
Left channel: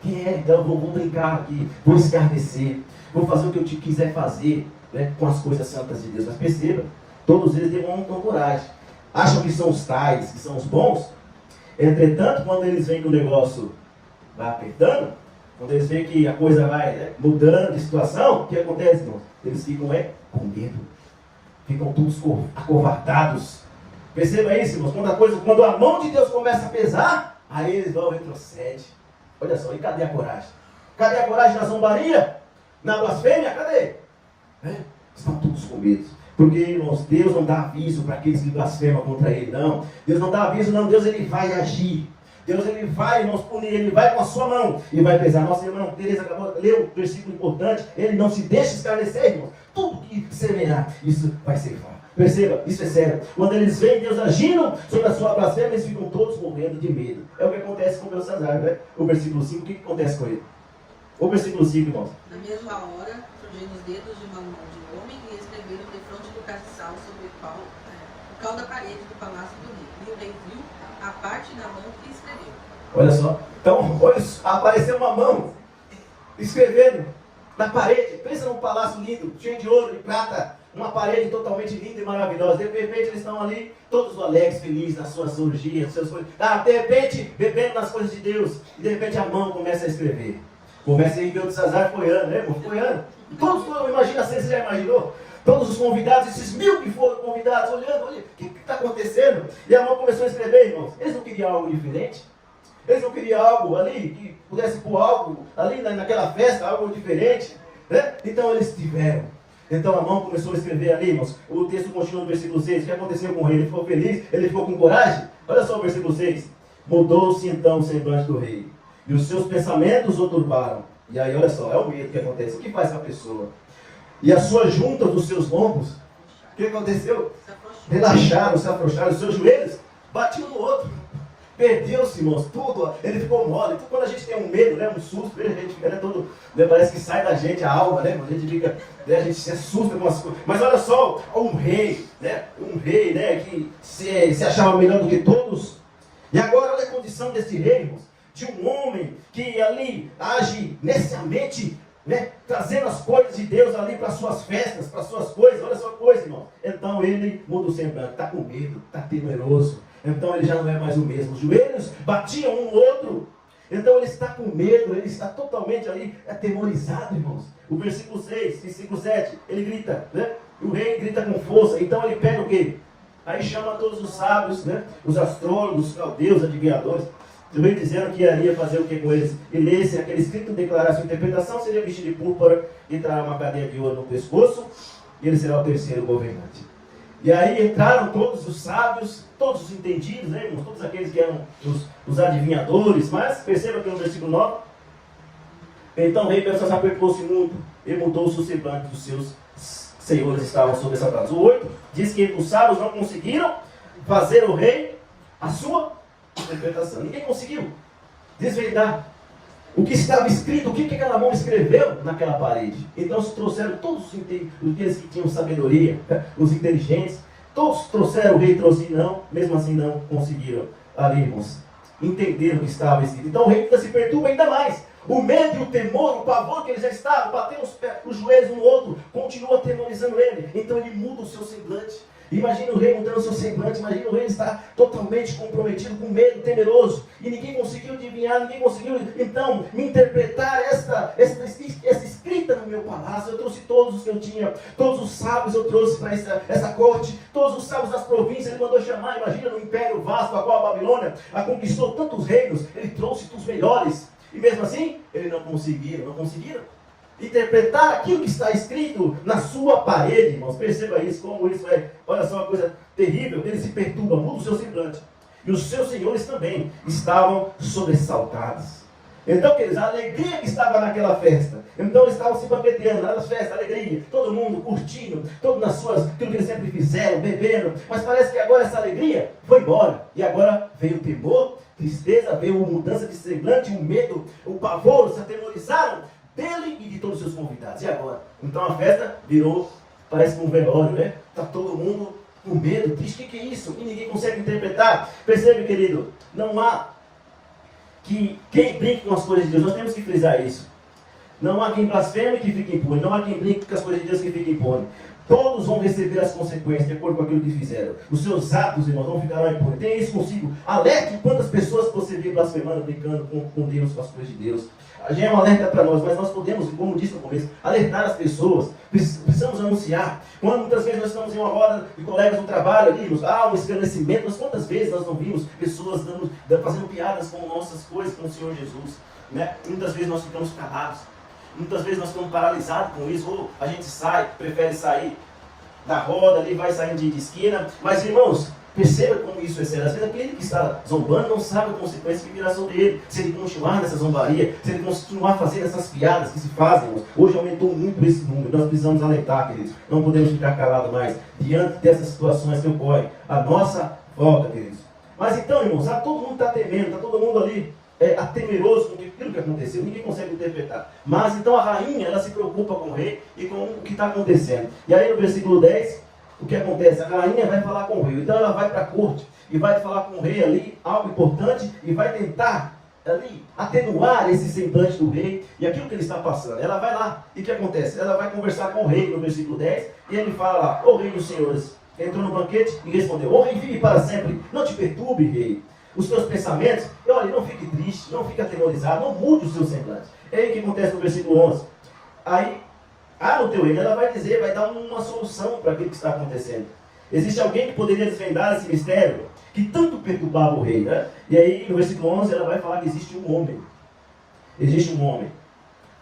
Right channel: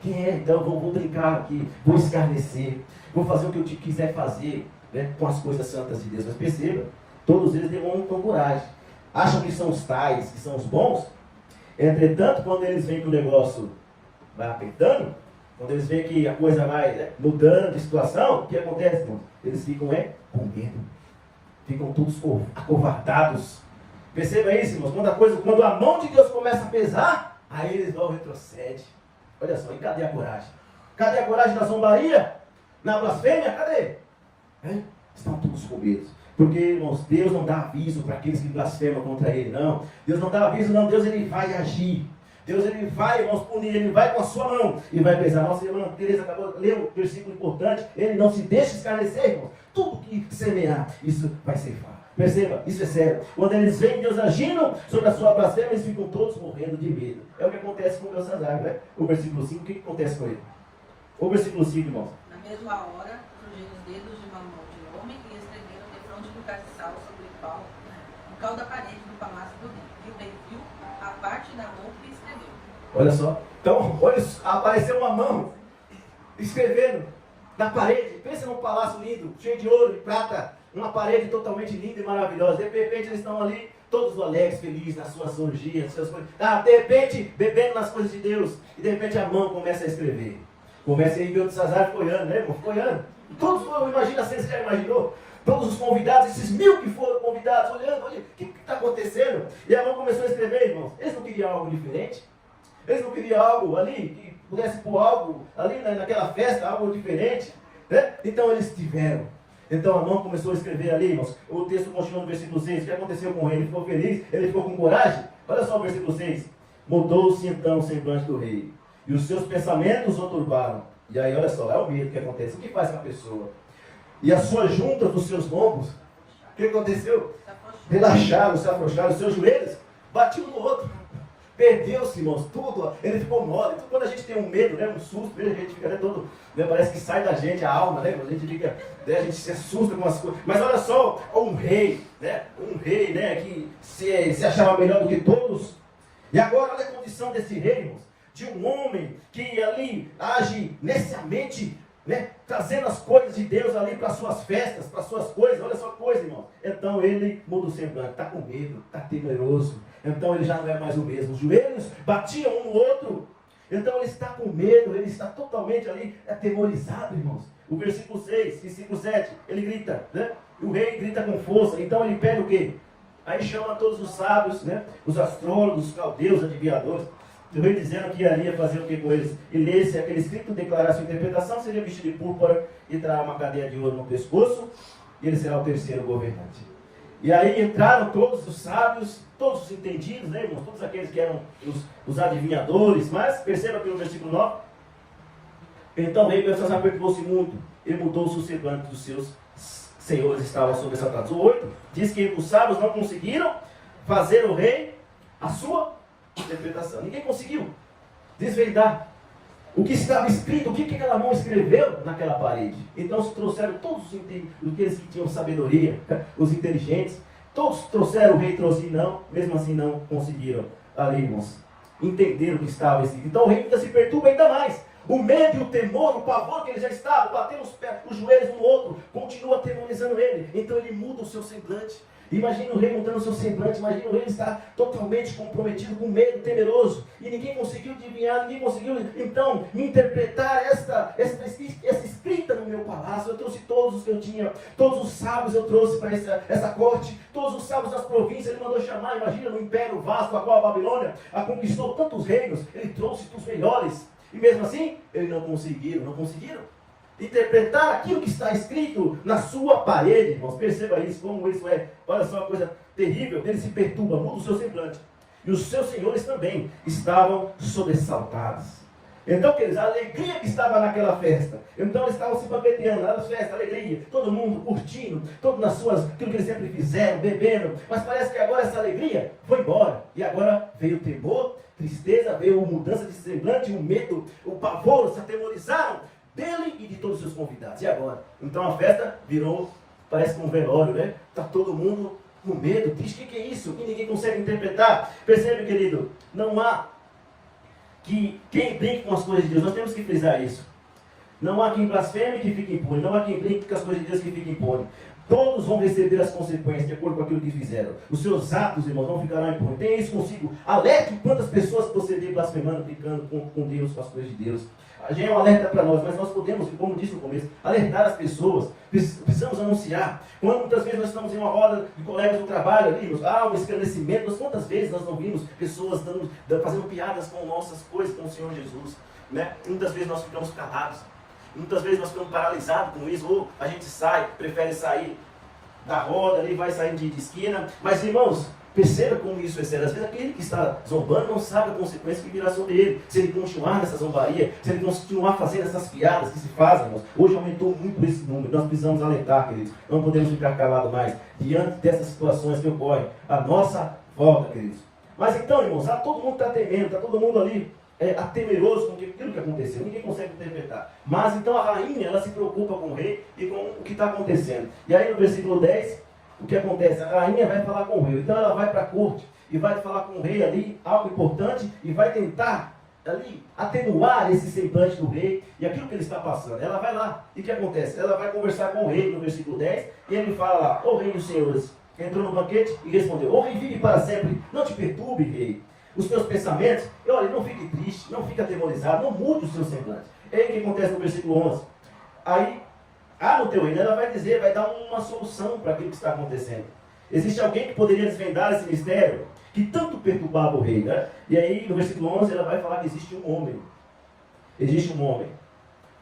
Quem é? Então, eu vou brincar aqui, vou escarnecer, vou fazer o que eu quiser fazer, né, com as coisas santas de Deus. Mas perceba, todos eles demonstram coragem. Acham que são os tais, que são os bons. Entretanto, quando eles veem que o negócio vai apertando, quando eles veem que a coisa vai, né, mudando de situação, o que acontece, irmãos? Eles ficam com medo. Ficam todos acovardados. Perceba isso, irmãos. Quando a mão de Deus começa a pesar, aí eles vão retroceder. Olha só, e cadê a coragem? Cadê a coragem na zombaria? Na blasfêmia? Cadê? Estão todos com medo. Porque, irmãos, Deus não dá aviso para aqueles que blasfemam contra Ele, não. Deus não dá aviso, não. Deus, Ele vai agir. Deus, Ele vai, irmãos, punir. Ele vai com a sua mão e vai pesar. Nossa, irmão, Tereza acabou de ler o versículo importante. Ele não se deixa escarnecer, irmãos. Tudo que semear, isso vai ser ceifar. Perceba, isso é sério. Quando eles veem Deus agindo sobre a sua blasfêmia, eles ficam todos morrendo de medo. É o que acontece com Belsazar, né? O versículo 5, o que acontece com ele? O versículo 5, irmãos. Na mesma hora, surgiram os dedos de uma mão de homem e escreveram defronte do castiçal sobre o cal da parede do palácio do rei. E o rei viu a parte da mão que escreveu. Olha só. Então, olha, apareceu uma mão escrevendo na parede. Pensa num palácio lindo, cheio de ouro e prata. Uma parede totalmente linda e maravilhosa. De repente eles estão ali, todos alegres, felizes nas suas orgias, nas suas coisas. De repente, bebendo nas coisas de Deus. E de repente a mão começa a escrever. Começa aí, Belsazar foi ano, né, irmão? Foi ano. Todos, imagina assim, você já imaginou? Todos os convidados, esses 1000 que foram convidados, olhando, olha, o que está acontecendo? E a mão começou a escrever, irmãos. Eles não queriam algo diferente? Eles não queriam algo ali, que pudesse pôr algo ali naquela festa, algo diferente? Né? Então eles tiveram. Então a mão começou a escrever ali, irmãos. O texto continua no versículo 6. O que aconteceu com ele? Ele ficou feliz? Ele ficou com coragem? Olha só o versículo 6. Mudou-se então o semblante do rei. E os seus pensamentos o turbaram. E aí, olha só, é o medo que acontece. O que faz com a pessoa? E as suas juntas dos seus lombos, o que aconteceu? Relaxaram, se afrouxaram. Os seus joelhos batiam no outro. Perdeu-se, irmãos, tudo. Ele ficou mole. Então, quando a gente tem um medo, né, um susto, a gente fica, né, todo, né, parece que sai da gente a alma, né? A gente fica, né, a gente se assusta com as coisas. Mas olha só, um rei, né, que se achava melhor do que todos. E agora, olha a condição desse rei, irmãos, de um homem que ali age neciamente, né, trazendo as coisas de Deus ali para suas festas, para suas coisas. Olha só a coisa, irmão. Então ele muda o semblante, está com medo, está temeroso. Então ele já não é mais o mesmo. Os joelhos batiam um no outro. Então ele está com medo, ele está totalmente ali atemorizado, irmãos. O versículo 6, versículo 7, ele grita, né? O rei grita com força. Então ele pede o quê? Aí chama todos os sábios, né? Os astrólogos, os caldeus, adivinhadores. Também dizendo que iria fazer o que com eles? E lesse aquele escrito, declarar sua interpretação, seria vestido de púrpura e trará uma cadeia de ouro no pescoço, e ele será o terceiro governante. E aí entraram todos os sábios, todos os entendidos, né, irmãos? Todos aqueles que eram os adivinhadores. Mas perceba que no versículo 9, então o rei Belsazar perturbou-se muito e mudou-se o semblante dos seus senhores estavam sobressaltados. O 8 diz que os sábios não conseguiram fazer o rei a sua interpretação. Ninguém conseguiu desvendar o que estava escrito, o que aquela mão escreveu naquela parede. Então se trouxeram todos aqueles que tinham sabedoria, os inteligentes, todos trouxeram, o rei trouxe, não, mesmo assim não conseguiram ali, irmãos, entender o que estava escrito. Então o rei ainda se perturba ainda mais. O medo e o temor, o pavor que ele já estava, batendo os joelhos um no outro, continua atemorizando ele. Então ele muda o seu semblante. Imagina o rei mudando o seu semblante, imagina o rei estar totalmente comprometido, com medo, temeroso. E ninguém conseguiu adivinhar, ninguém conseguiu, então, interpretar essa escrita no meu palácio. raças, eu trouxe todos os que eu tinha, todos os sábios eu trouxe para essa corte, todos os sábios das províncias ele mandou chamar. Imagina, no império vasto, a qual a Babilônia conquistou tantos reinos, ele trouxe os melhores, e mesmo assim, eles não conseguiram interpretar aquilo que está escrito na sua parede, irmãos. Perceba isso, como isso é, olha só uma coisa terrível, ele se perturba, muda o seu semblante, e os seus senhores também estavam sobressaltados. Então, queridos, a alegria que estava naquela festa, então eles estavam se banqueteando, nas festas, alegria, todo mundo curtindo, todo nas suas, aquilo que eles sempre fizeram, bebendo, mas parece que agora essa alegria foi embora, e agora veio o temor, tristeza, veio mudança de semblante, o medo, o pavor, se atemorizaram dele e de todos os seus convidados. E agora? Então a festa virou, parece um velório, né? Está todo mundo com medo, triste. O que é isso? E ninguém consegue interpretar. Percebe, querido? Não há quem brinque com as coisas de Deus. Nós temos que frisar isso. Não há quem blasfeme que fique impune. Não há quem brinque com as coisas de Deus que fique impune. Todos vão receber as consequências de acordo com aquilo que fizeram. Os seus atos, irmãos, não ficarão impunes. Tenha isso consigo. Alerte quantas pessoas você vê blasfemando, brincando com Deus, com as coisas de Deus. Já é um alerta para nós, mas nós podemos, como disse no começo, alertar as pessoas. Precisamos anunciar. Quando muitas vezes nós estamos em uma roda de colegas no trabalho, ali, um esclarecimento, mas quantas vezes nós não vimos pessoas fazendo piadas com nossas coisas, com o Senhor Jesus, né? E muitas vezes nós ficamos calados. Muitas vezes nós ficamos paralisados com isso, ou a gente prefere sair da roda ali, vai saindo de esquina. Mas, irmãos, perceba como isso é sério. Às vezes aquele que está zombando não sabe a consequência que virá sobre ele. Se ele continuar nessa zombaria, se ele continuar fazendo essas piadas que se fazem, irmãos. Hoje aumentou muito esse número. Nós precisamos alertar, queridos. Não podemos ficar calados mais diante dessas situações que ocorrem à nossa volta, queridos. Mas então, irmãos, todo mundo está temendo, está todo mundo ali temeroso com aquilo que aconteceu. Ninguém consegue interpretar. Mas então a rainha, ela se preocupa com o rei e com o que está acontecendo. E aí no versículo 10, o que acontece? A rainha vai falar com o rei. Então ela vai para a corte e vai falar com o rei ali, algo importante, e vai tentar ali atenuar esse semblante do rei e aquilo que ele está passando. Ela vai lá, e o que acontece? Ela vai conversar com o rei no versículo 10, e ele fala lá: "Ô rei dos senhores", entrou no banquete e respondeu: "Ô rei, vive para sempre, não te perturbe, rei, os teus pensamentos, e olha, não fique triste, não fique atemorizado, não mude o seu semblante." E aí o que acontece no versículo 11? Aí, no teu reino, ela vai dizer, vai dar uma solução para aquilo que está acontecendo. Existe alguém que poderia desvendar esse mistério que tanto perturbava o rei, né? E aí, no versículo 11, ela vai falar que existe um homem. Existe um homem,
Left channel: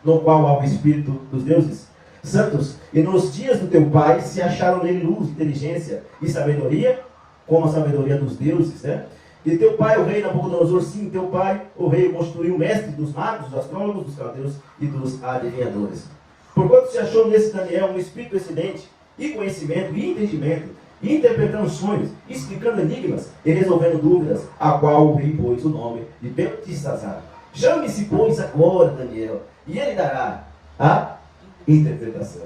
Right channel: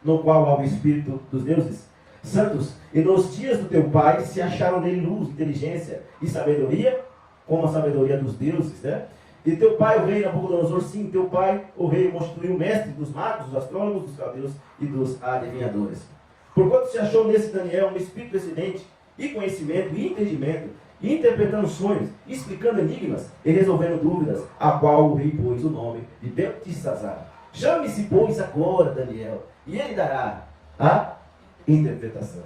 no qual há o Espírito dos deuses santos, e nos dias do teu pai se acharam nele luz, inteligência e sabedoria, como a sabedoria dos deuses, né? E teu pai, o rei Nabucodonosor, sim, teu pai, o rei, o constituiu mestre dos magos, dos astrólogos, dos caldeus e dos adivinhadores. Porquanto se achou nesse Daniel um espírito excedente, e conhecimento, e entendimento, e interpretando sonhos, explicando enigmas, e resolvendo dúvidas, a qual o rei pôs o nome de Beltesazar. Chame-se, pois, agora, Daniel, e ele dará a interpretação.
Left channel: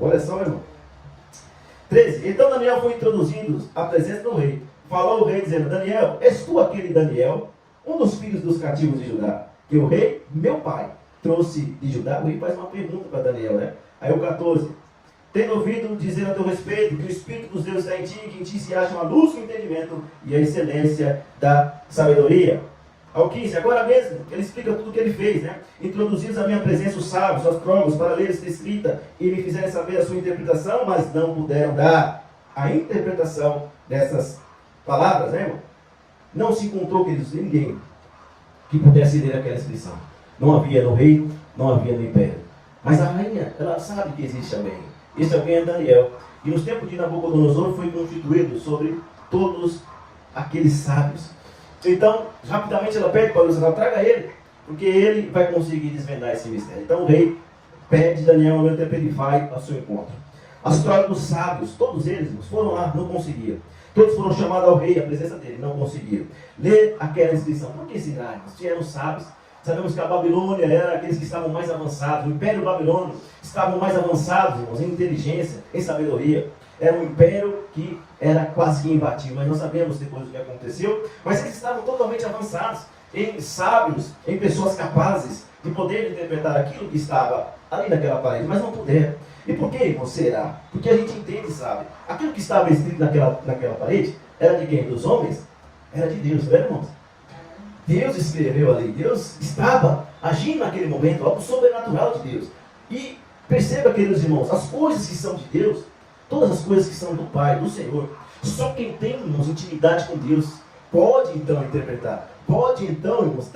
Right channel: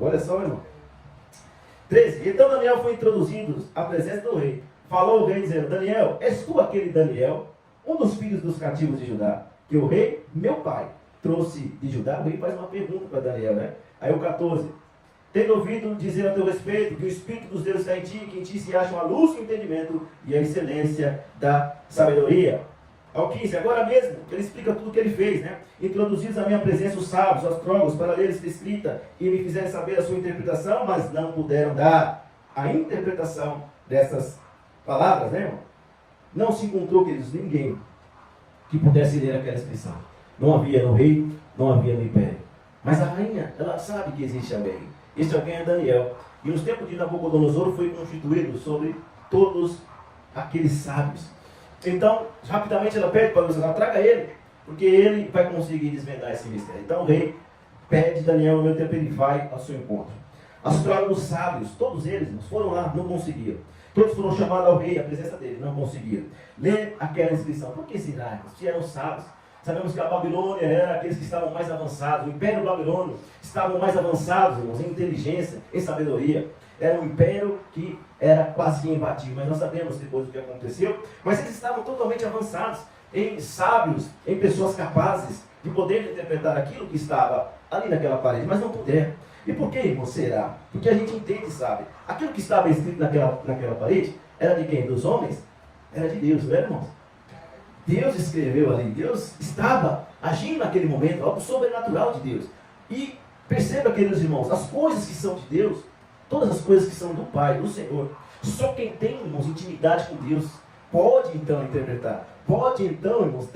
Olha só, irmão. 13. Então Daniel foi introduzido à presença do rei. Falou o rei dizendo: "Daniel, és tu aquele Daniel, um dos filhos dos cativos de Judá, que o rei, meu pai, trouxe de Judá?" O rei faz uma pergunta para Daniel, né? Aí o 14: "Tendo ouvido dizer a teu respeito que o Espírito dos deuses está em ti, que em ti se acha uma luz, o entendimento e a excelência da sabedoria." Ao 15: "Agora mesmo, ele explica tudo o que ele fez, né? Introduzidos à minha presença os sábios, os astrólogos, para ler esta escrita e me fizerem saber a sua interpretação, mas não puderam dar a interpretação dessas palavras", né, irmão? Não se encontrou, queridos, ninguém que pudesse ler aquela inscrição. Não havia no reino, não havia no império. Mas a rainha, ela sabe que existe alguém. Esse alguém é Daniel. E nos tempos de Nabucodonosor foi constituído sobre todos aqueles sábios. Então, rapidamente ela pede para o Senhor: "Traga ele, porque ele vai conseguir desvendar esse mistério." Então o rei pede Daniel, no tempo ele vai ao seu encontro. Astrólogos sábios, todos eles foram lá, não conseguiram. Todos foram chamados ao rei, à presença dele, não conseguiram ler aquela inscrição. Por que será? Se eram sábios. Sabemos que a Babilônia era aqueles que estavam mais avançados. O Império Babilônio estavam mais avançados, irmãos, em inteligência, em sabedoria. Era um império que era quase que imbatível. Mas nós sabemos depois do que aconteceu. Mas eles estavam totalmente avançados, em sábios, em pessoas capazes de poder interpretar aquilo que estava ali naquela parede. Mas não puderam. E por que, irmão, será? Porque a gente entende, sabe? Aquilo que estava escrito naquela parede era de quem? Dos homens? Era de Deus, não era, irmãos? Deus escreveu ali. Deus estava agindo naquele momento, algo sobrenatural de Deus. E Perceba, queridos irmãos, as coisas que são de Deus, todas as coisas que são do Pai, do Senhor, só quem tem, irmãos, intimidade com Deus, pode então interpretar, pode então, irmãos,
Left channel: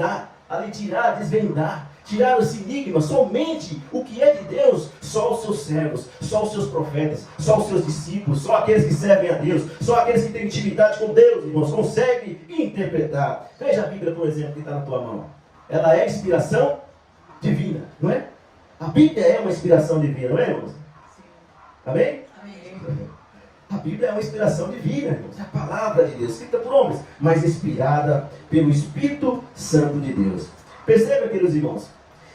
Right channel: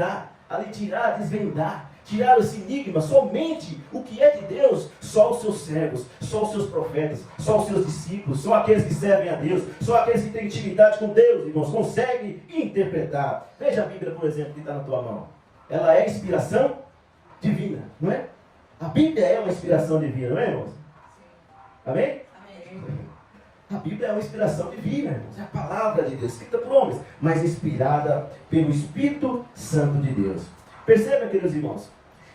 ali tirar, desvendar, tirar esse enigma. Somente o que é de Deus, só os seus servos, só os seus profetas, só os seus discípulos, só aqueles que servem a Deus, só aqueles que têm intimidade com Deus, irmãos, conseguem interpretar. Veja a Bíblia, por exemplo, que está na tua mão. Ela é inspiração divina, não é? A Bíblia é uma inspiração divina, não é, irmãos? Amém? Amém. A Bíblia é uma inspiração divina, irmãos. É a palavra de Deus, escrita por homens, mas inspirada pelo Espírito Santo de Deus. Perceba, queridos irmãos,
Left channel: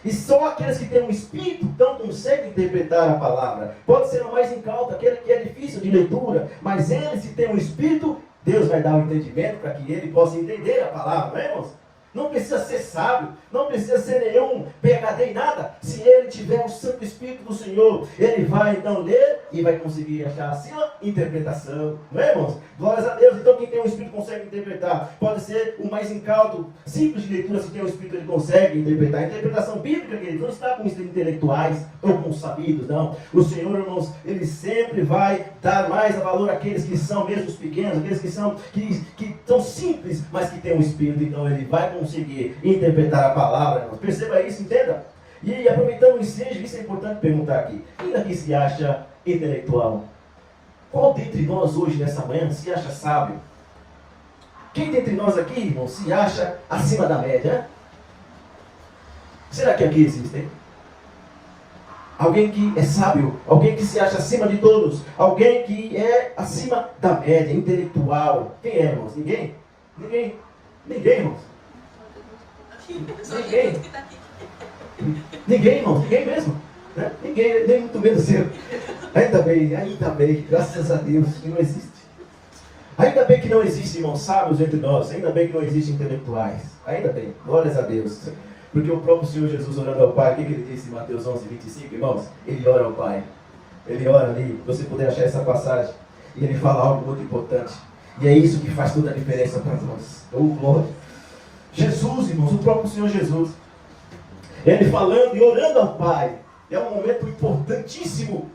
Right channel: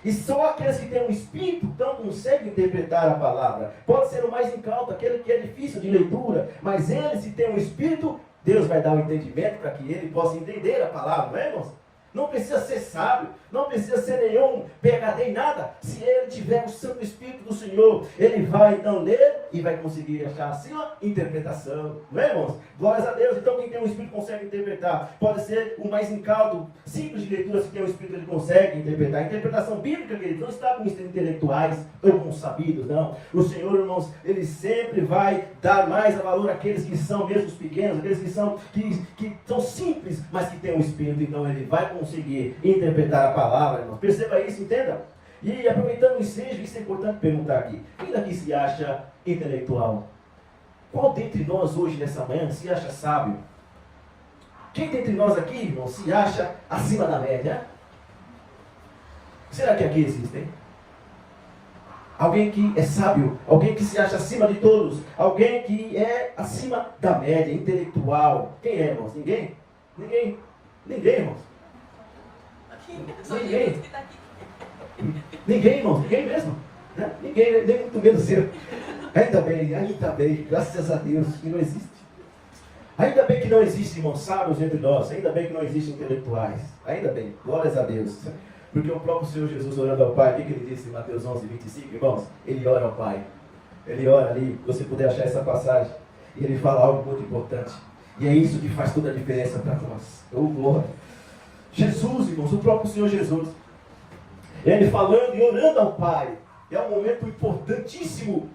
e só aqueles que têm um Espírito então conseguem interpretar a palavra. Pode ser o mais incauto, aquele que é difícil de leitura, mas ele, se tem um Espírito, Deus vai dar o entendimento para que ele possa entender a palavra, não é, irmãos? Não precisa ser sábio, não precisa ser nenhum PhD em nada. Se ele tiver o Santo Espírito do Senhor, ele vai então ler e vai conseguir achar assim uma interpretação. Não é, irmãos? Glórias a Deus. Então quem tem o Espírito consegue interpretar. Pode ser o mais incauto, simples de leitura, se tem o Espírito ele consegue interpretar. A interpretação bíblica, queridos, não está com intelectuais ou com sabidos, não. O Senhor, irmãos, ele sempre vai dar mais a valor àqueles que são mesmo os pequenos, aqueles que são simples, mas que têm o Espírito. Então ele vai conseguir interpretar a palavra, irmãos. Perceba isso, entenda. E aproveitando o ensejo, isso é importante perguntar aqui. Quem daqui se acha intelectual? Qual dentre nós hoje, nessa manhã, se acha sábio? Quem dentre nós aqui, irmão, se acha acima da média? Será que aqui existem? Alguém que é sábio, alguém que se acha acima de todos, alguém que é acima da média, intelectual. Quem é, irmãos? Ninguém? Ninguém, irmãos. Ninguém. Ninguém, irmão, ninguém mesmo. Né? Ninguém, nem muito menos eu. Ainda bem, graças a Deus que não existe. Ainda bem que não existe, irmãos, sábios entre nós. Ainda bem que não existem intelectuais. Ainda bem, glórias a Deus. Porque o próprio Senhor Jesus orando ao Pai, o que ele disse em Mateus 11, 25, irmãos? Ele ora ao Pai. Ele ora ali, você puder achar essa passagem. E ele fala algo muito importante. E é isso que faz toda a diferença para nós. Oh, glória. Jesus, irmãos, o próprio Senhor Jesus, ele falando e orando ao Pai, é um momento importantíssimo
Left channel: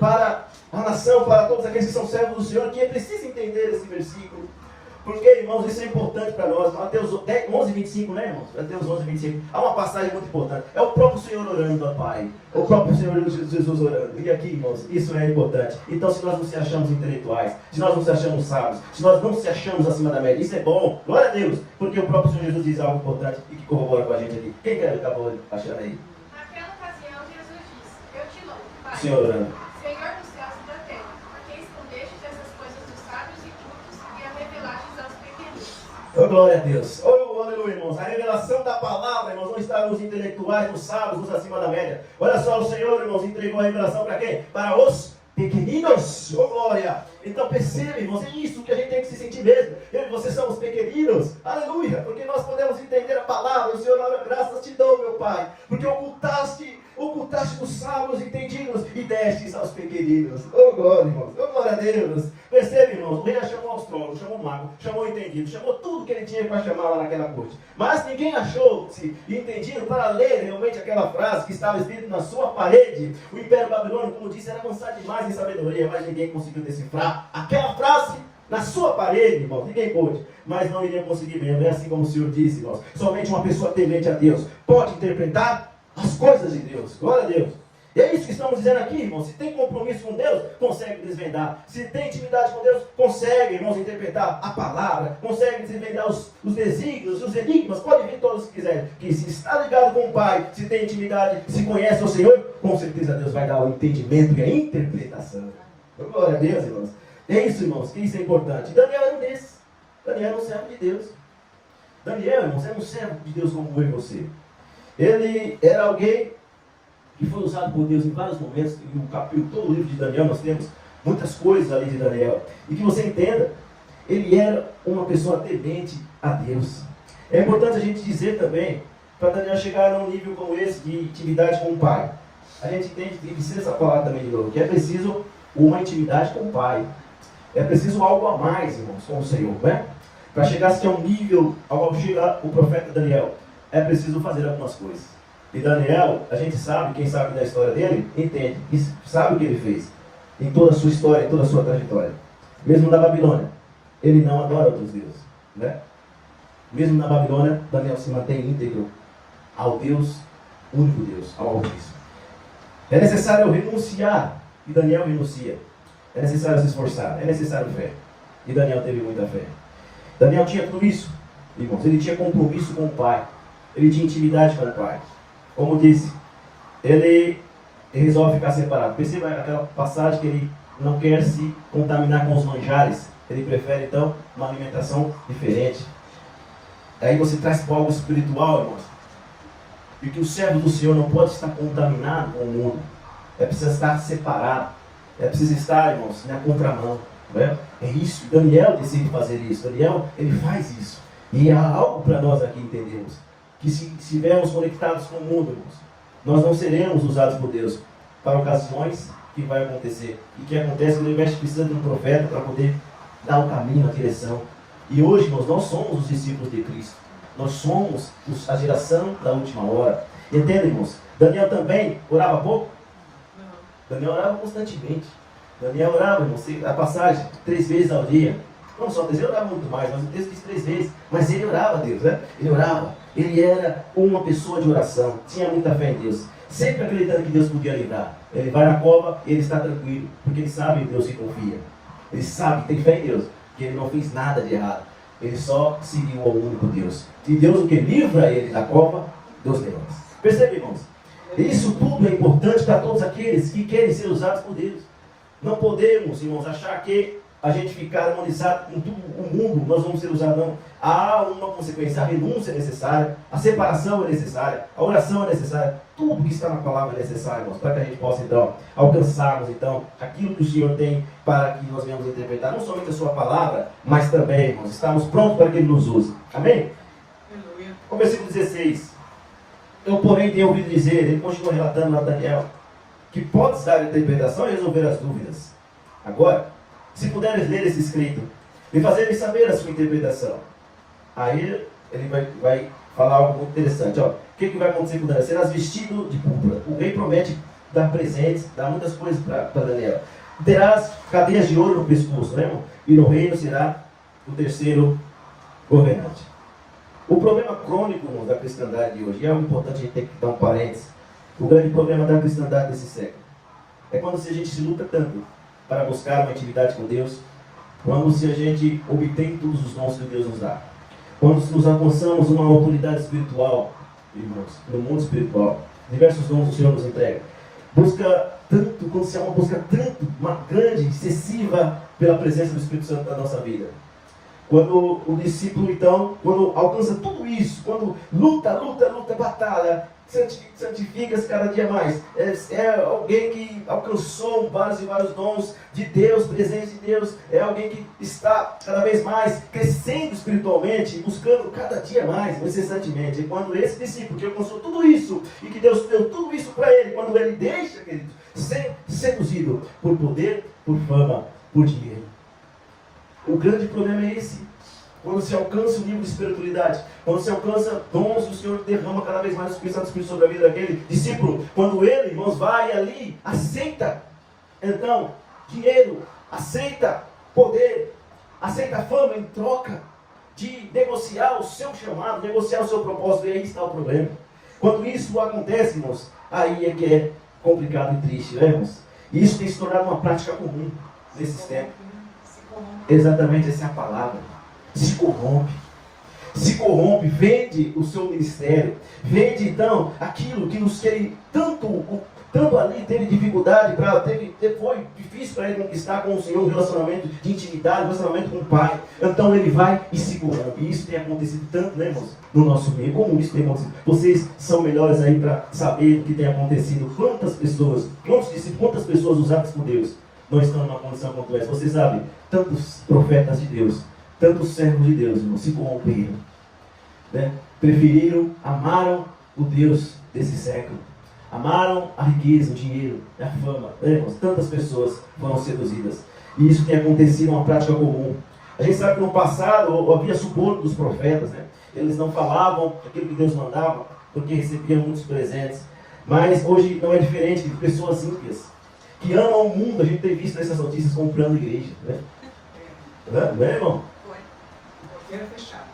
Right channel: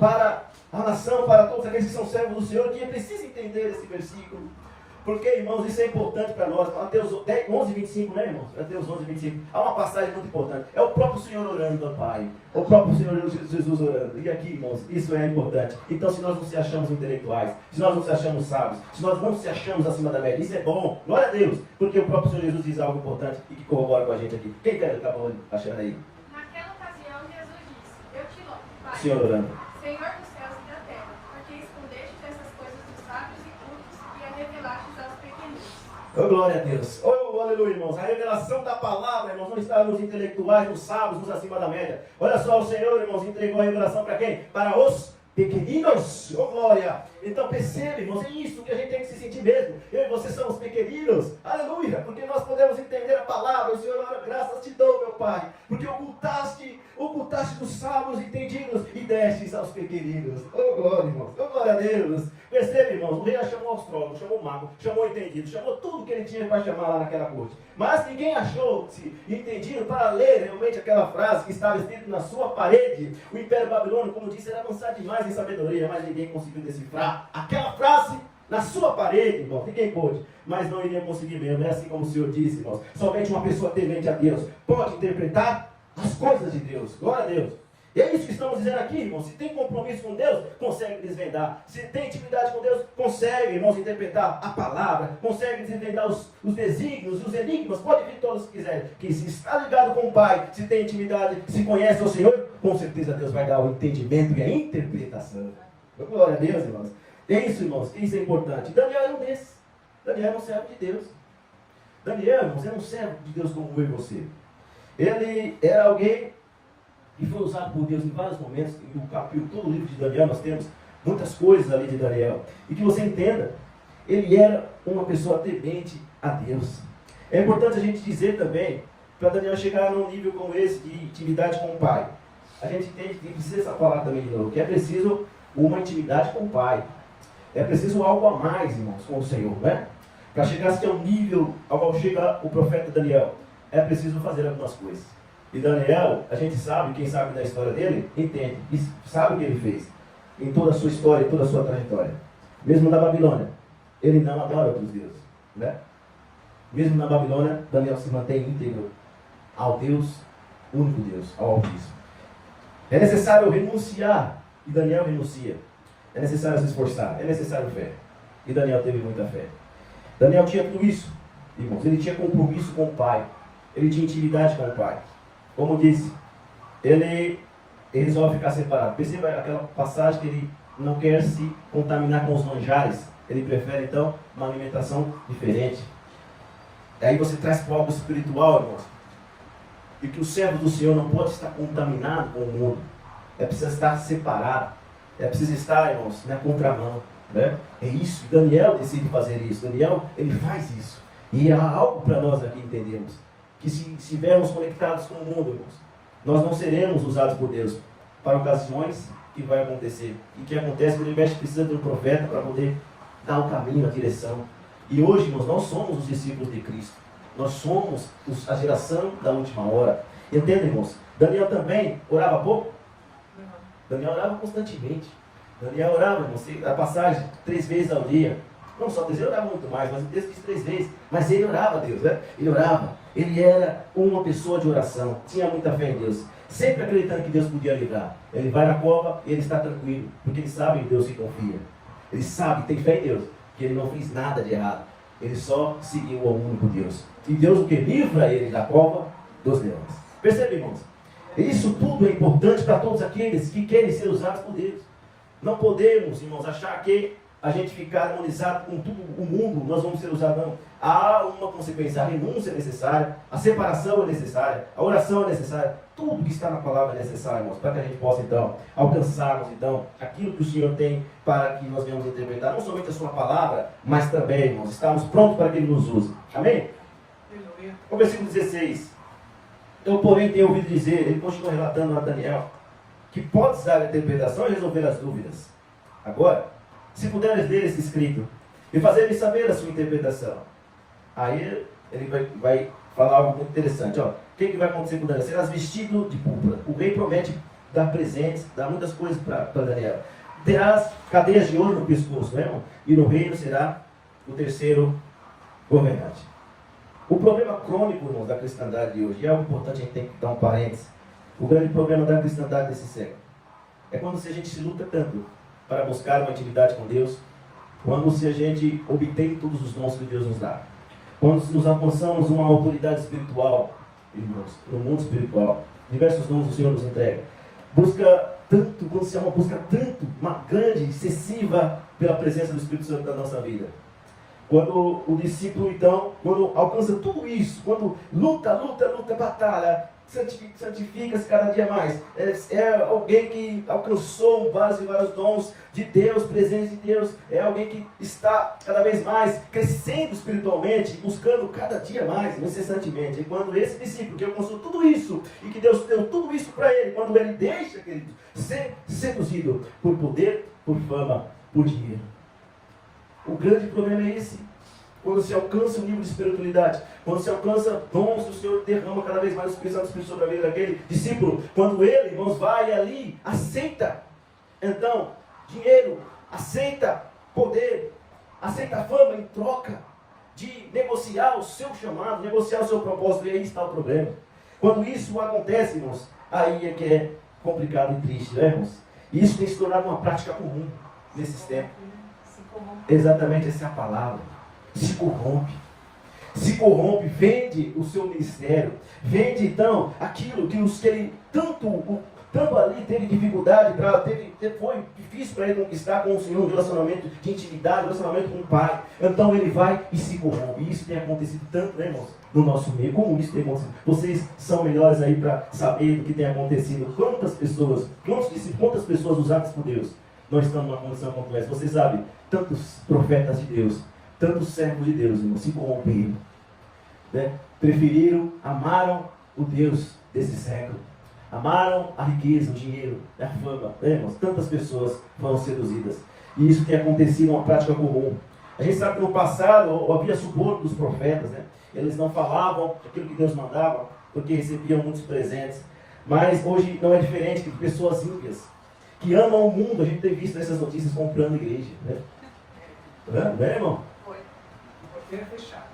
para a nação, para todos aqueles que são servos do Senhor, que é preciso entender esse versículo, porque, irmãos, isso é importante para nós. Mateus 11, 25, né, irmãos? Mateus 11, 25, há uma passagem muito importante, é o próprio Senhor orando ao Pai, o próprio Senhor Jesus orando, e aqui, irmãos, isso é importante. Então, se nós não se achamos intelectuais, se nós não se achamos sábios, se nós não se achamos acima da média, isso é bom, glória a Deus, porque o próprio Senhor Jesus diz algo importante e que corrobora com a gente aqui. Quem acabou achando aí? Naquela ocasião, Jesus disse: Eu te louvo, Pai, Senhor orando. Senhor dos céus e da terra, porque escondestes essas coisas dos sábios e cultos e a revelastes aos pequeninos. Oh, glória a Deus. Oh, aleluia, irmãos. A revelação da palavra, irmãos, não está nos intelectuais, nos sábios, nos acima da média. Olha só, o Senhor, irmãos, entregou a revelação para quem? Para os pequeninos. Oh, glória. Então perceba, irmãos, é isso que a gente tem que se sentir mesmo. Eu e você somos pequeninos. Aleluia. Porque nós podemos entender a palavra. O Senhor, ora, graças te dou, meu Pai. Porque ocultaste dos sábios entendidos e destes aos pequeninos. Oh, glória, irmãos. Oh, glória a Deus. Percebe, irmãos, o rei chamou o astrólogo, chamou o mago, chamou o entendido, chamou tudo que ele tinha para chamar lá naquela corte. Mas ninguém achou-se entendido para ler realmente aquela frase que estava escrita na sua parede. O Império Babilônico, como disse, era avançado demais em sabedoria, mas ninguém conseguiu decifrar aquela frase na sua parede, irmão. Ninguém pôde, mas não iria conseguir mesmo. É assim como o Senhor disse, irmãos. Somente uma pessoa temente a Deus pode interpretar as coisas de Deus. Glória a Deus. E é isso que estamos dizendo aqui, irmãos. Se tem compromisso com Deus, consegue desvendar. Se tem intimidade com Deus, consegue, irmãos, interpretar a palavra. Consegue desvendar os desígnios, os enigmas. Pode vir todos que quiserem. Que se está ligado com o Pai, se tem intimidade, se conhece o Senhor, com certeza Deus vai dar o entendimento e a interpretação. Glória a Deus, irmãos. É isso, irmãos, que isso é importante. Daniel era um desses. Daniel era um servo de Deus. Daniel, irmãos, era um servo de Deus como eu e você. Ele era alguém que foi usado por Deus em vários momentos. E no capítulo, todo o livro de Daniel, nós temos muitas coisas ali de Daniel. E que você entenda, ele era uma pessoa temente a Deus. É importante a gente dizer também, para Daniel chegar num nível como esse, de intimidade com o Pai. A gente entende que tem que ser essa palavra também de novo, que é preciso uma intimidade com o Pai. É preciso algo a mais, irmãos, com o Senhor, né? Para chegar a um nível ao qual chega o profeta Daniel, é preciso fazer algumas coisas. E Daniel, a gente sabe, quem sabe da história dele, entende, e sabe o que ele fez. Em toda a sua história, em toda a sua trajetória. Mesmo na Babilônia, ele não adora outros deuses, né? Mesmo na Babilônia, Daniel se mantém íntegro ao Deus, único Deus, ao Altíssimo. É necessário renunciar, e Daniel renuncia. É necessário se esforçar, é necessário fé. E Daniel teve muita fé. Daniel tinha tudo isso, irmãos. Ele tinha compromisso com o Pai. Ele tinha intimidade com o Pai. Como disse, ele resolve ficar separado. Perceba aquela passagem que ele não quer se contaminar com os manjares. Ele prefere, então, uma alimentação diferente. Aí você traz para algo espiritual, irmãos. E que o servo do Senhor não pode estar contaminado com o mundo. É preciso estar separado. É preciso estar, irmãos, na contramão. Né? É isso. Daniel decide fazer isso. Daniel, ele faz isso. E há algo para nós aqui entendermos. Que se estivermos conectados com o mundo, irmãos, nós não seremos usados por Deus para ocasiões que vai acontecer. E que acontece que o universo precisa de um profeta para poder dar o caminho, a direção. E hoje, irmãos, nós somos os discípulos de Cristo. Nós somos a geração da última hora. Entendem, irmãos? Daniel também orava pouco? Não. Daniel orava constantemente. Daniel orava, irmãos, a passagem 3 vezes ao dia. Não só 3 vezes, ele orava muito mais, mas o texto diz 3 vezes. Mas ele orava a Deus, né? Ele orava. Ele era uma pessoa de oração. Tinha muita fé em Deus. Sempre acreditando que Deus podia livrar. Ele vai na cova e ele está tranquilo. Porque ele sabe em Deus que confia. Ele sabe, tem fé em Deus. Que ele não fez nada de errado. Ele só seguiu ao único Deus. E Deus o que livra ele da cova dos leões. Percebe, irmãos? Isso tudo é importante para todos aqueles que querem ser usados por Deus. Não podemos, irmãos, achar que a gente ficar harmonizado com tudo o mundo, nós vamos ser usados, não. Há uma consequência, a renúncia é necessária, a separação é necessária, a oração é necessária, tudo que está na palavra é necessário, irmãos, para que a gente possa, então, alcançarmos, então, aquilo que o Senhor tem para que nós venhamos interpretar, não somente a sua palavra, mas também, irmãos, estarmos prontos para que Ele nos use. Amém? Aleluia. O versículo 16. Eu, porém, tenho ouvido dizer, ele continua relatando a Daniel, que podes dar a interpretação e resolver as dúvidas. Agora, se puderes ler esse escrito e fazer-me saber a sua interpretação. Aí ele vai falar algo muito interessante. Ó, o que vai acontecer com Daniel? Serás vestido de púrpura. O rei promete dar presentes, dar muitas coisas para Daniel. Terás cadeias de ouro no pescoço, né, irmão? E no reino será o terceiro governante. O problema crônico, irmão, da cristandade de hoje, e é importante a gente ter que dar um parênteses. O grande problema da cristandade desse século é quando a gente se luta tanto para buscar uma intimidade com Deus, quando se a gente obtém todos os dons que Deus nos dá, quando nos alcançamos uma autoridade espiritual, irmãos, no mundo espiritual, diversos dons o Senhor nos entrega, busca tanto, quando se é uma busca tanto, uma grande, excessiva pela presença do Espírito Santo na nossa vida. Quando o discípulo, então, quando alcança tudo isso, quando luta, batalha, santifica-se cada dia mais, é alguém que alcançou vários e vários dons de Deus, presente de Deus, é alguém que está cada vez mais crescendo espiritualmente, buscando cada dia mais, incessantemente. E quando esse discípulo que alcançou tudo isso, e que Deus deu tudo isso para ele, quando ele deixa, queridos, ser seduzido por poder, por fama, por dinheiro. O grande problema é esse. Quando se alcança o nível de espiritualidade, quando se alcança dons, o Senhor derrama cada vez mais o Espírito Santo sobre a vida daquele discípulo. Quando ele, irmãos, vai ali, aceita, então, dinheiro, aceita poder, aceita fama em troca de negociar o seu chamado, negociar o seu propósito, e aí está o problema. Quando isso acontece, irmãos, aí é que é complicado e triste, né, irmãos? E isso tem se tornado uma prática comum nesses tempos. Exatamente essa é a palavra. Se corrompe, vende o seu ministério, vende então aquilo que ele tanto ali teve dificuldade, foi difícil para ele conquistar com o Senhor, um relacionamento de intimidade, um relacionamento com o Pai. Então ele vai e se corrompe. E isso tem acontecido tanto, né, irmãos, no nosso meio. Como isso tem acontecido? Vocês são melhores aí para saber do que tem acontecido. Quantas pessoas usadas por Deus não estão numa condição como essa? Você sabe, tantos profetas de Deus, tantos servos de Deus, irmão, se corromperam, né? Amaram o Deus desse século, amaram a riqueza, o dinheiro, a fama, né, irmãos? Tantas pessoas foram seduzidas, e isso tem acontecido, uma prática comum. A gente sabe que no passado havia suborno dos profetas, né? Eles não falavam aquilo que Deus mandava, porque recebiam muitos presentes. Mas hoje não é diferente de pessoas ímpias, que amam o mundo. A gente tem visto nessas notícias comprando igreja, né? Não é, irmão? Porteira fechada.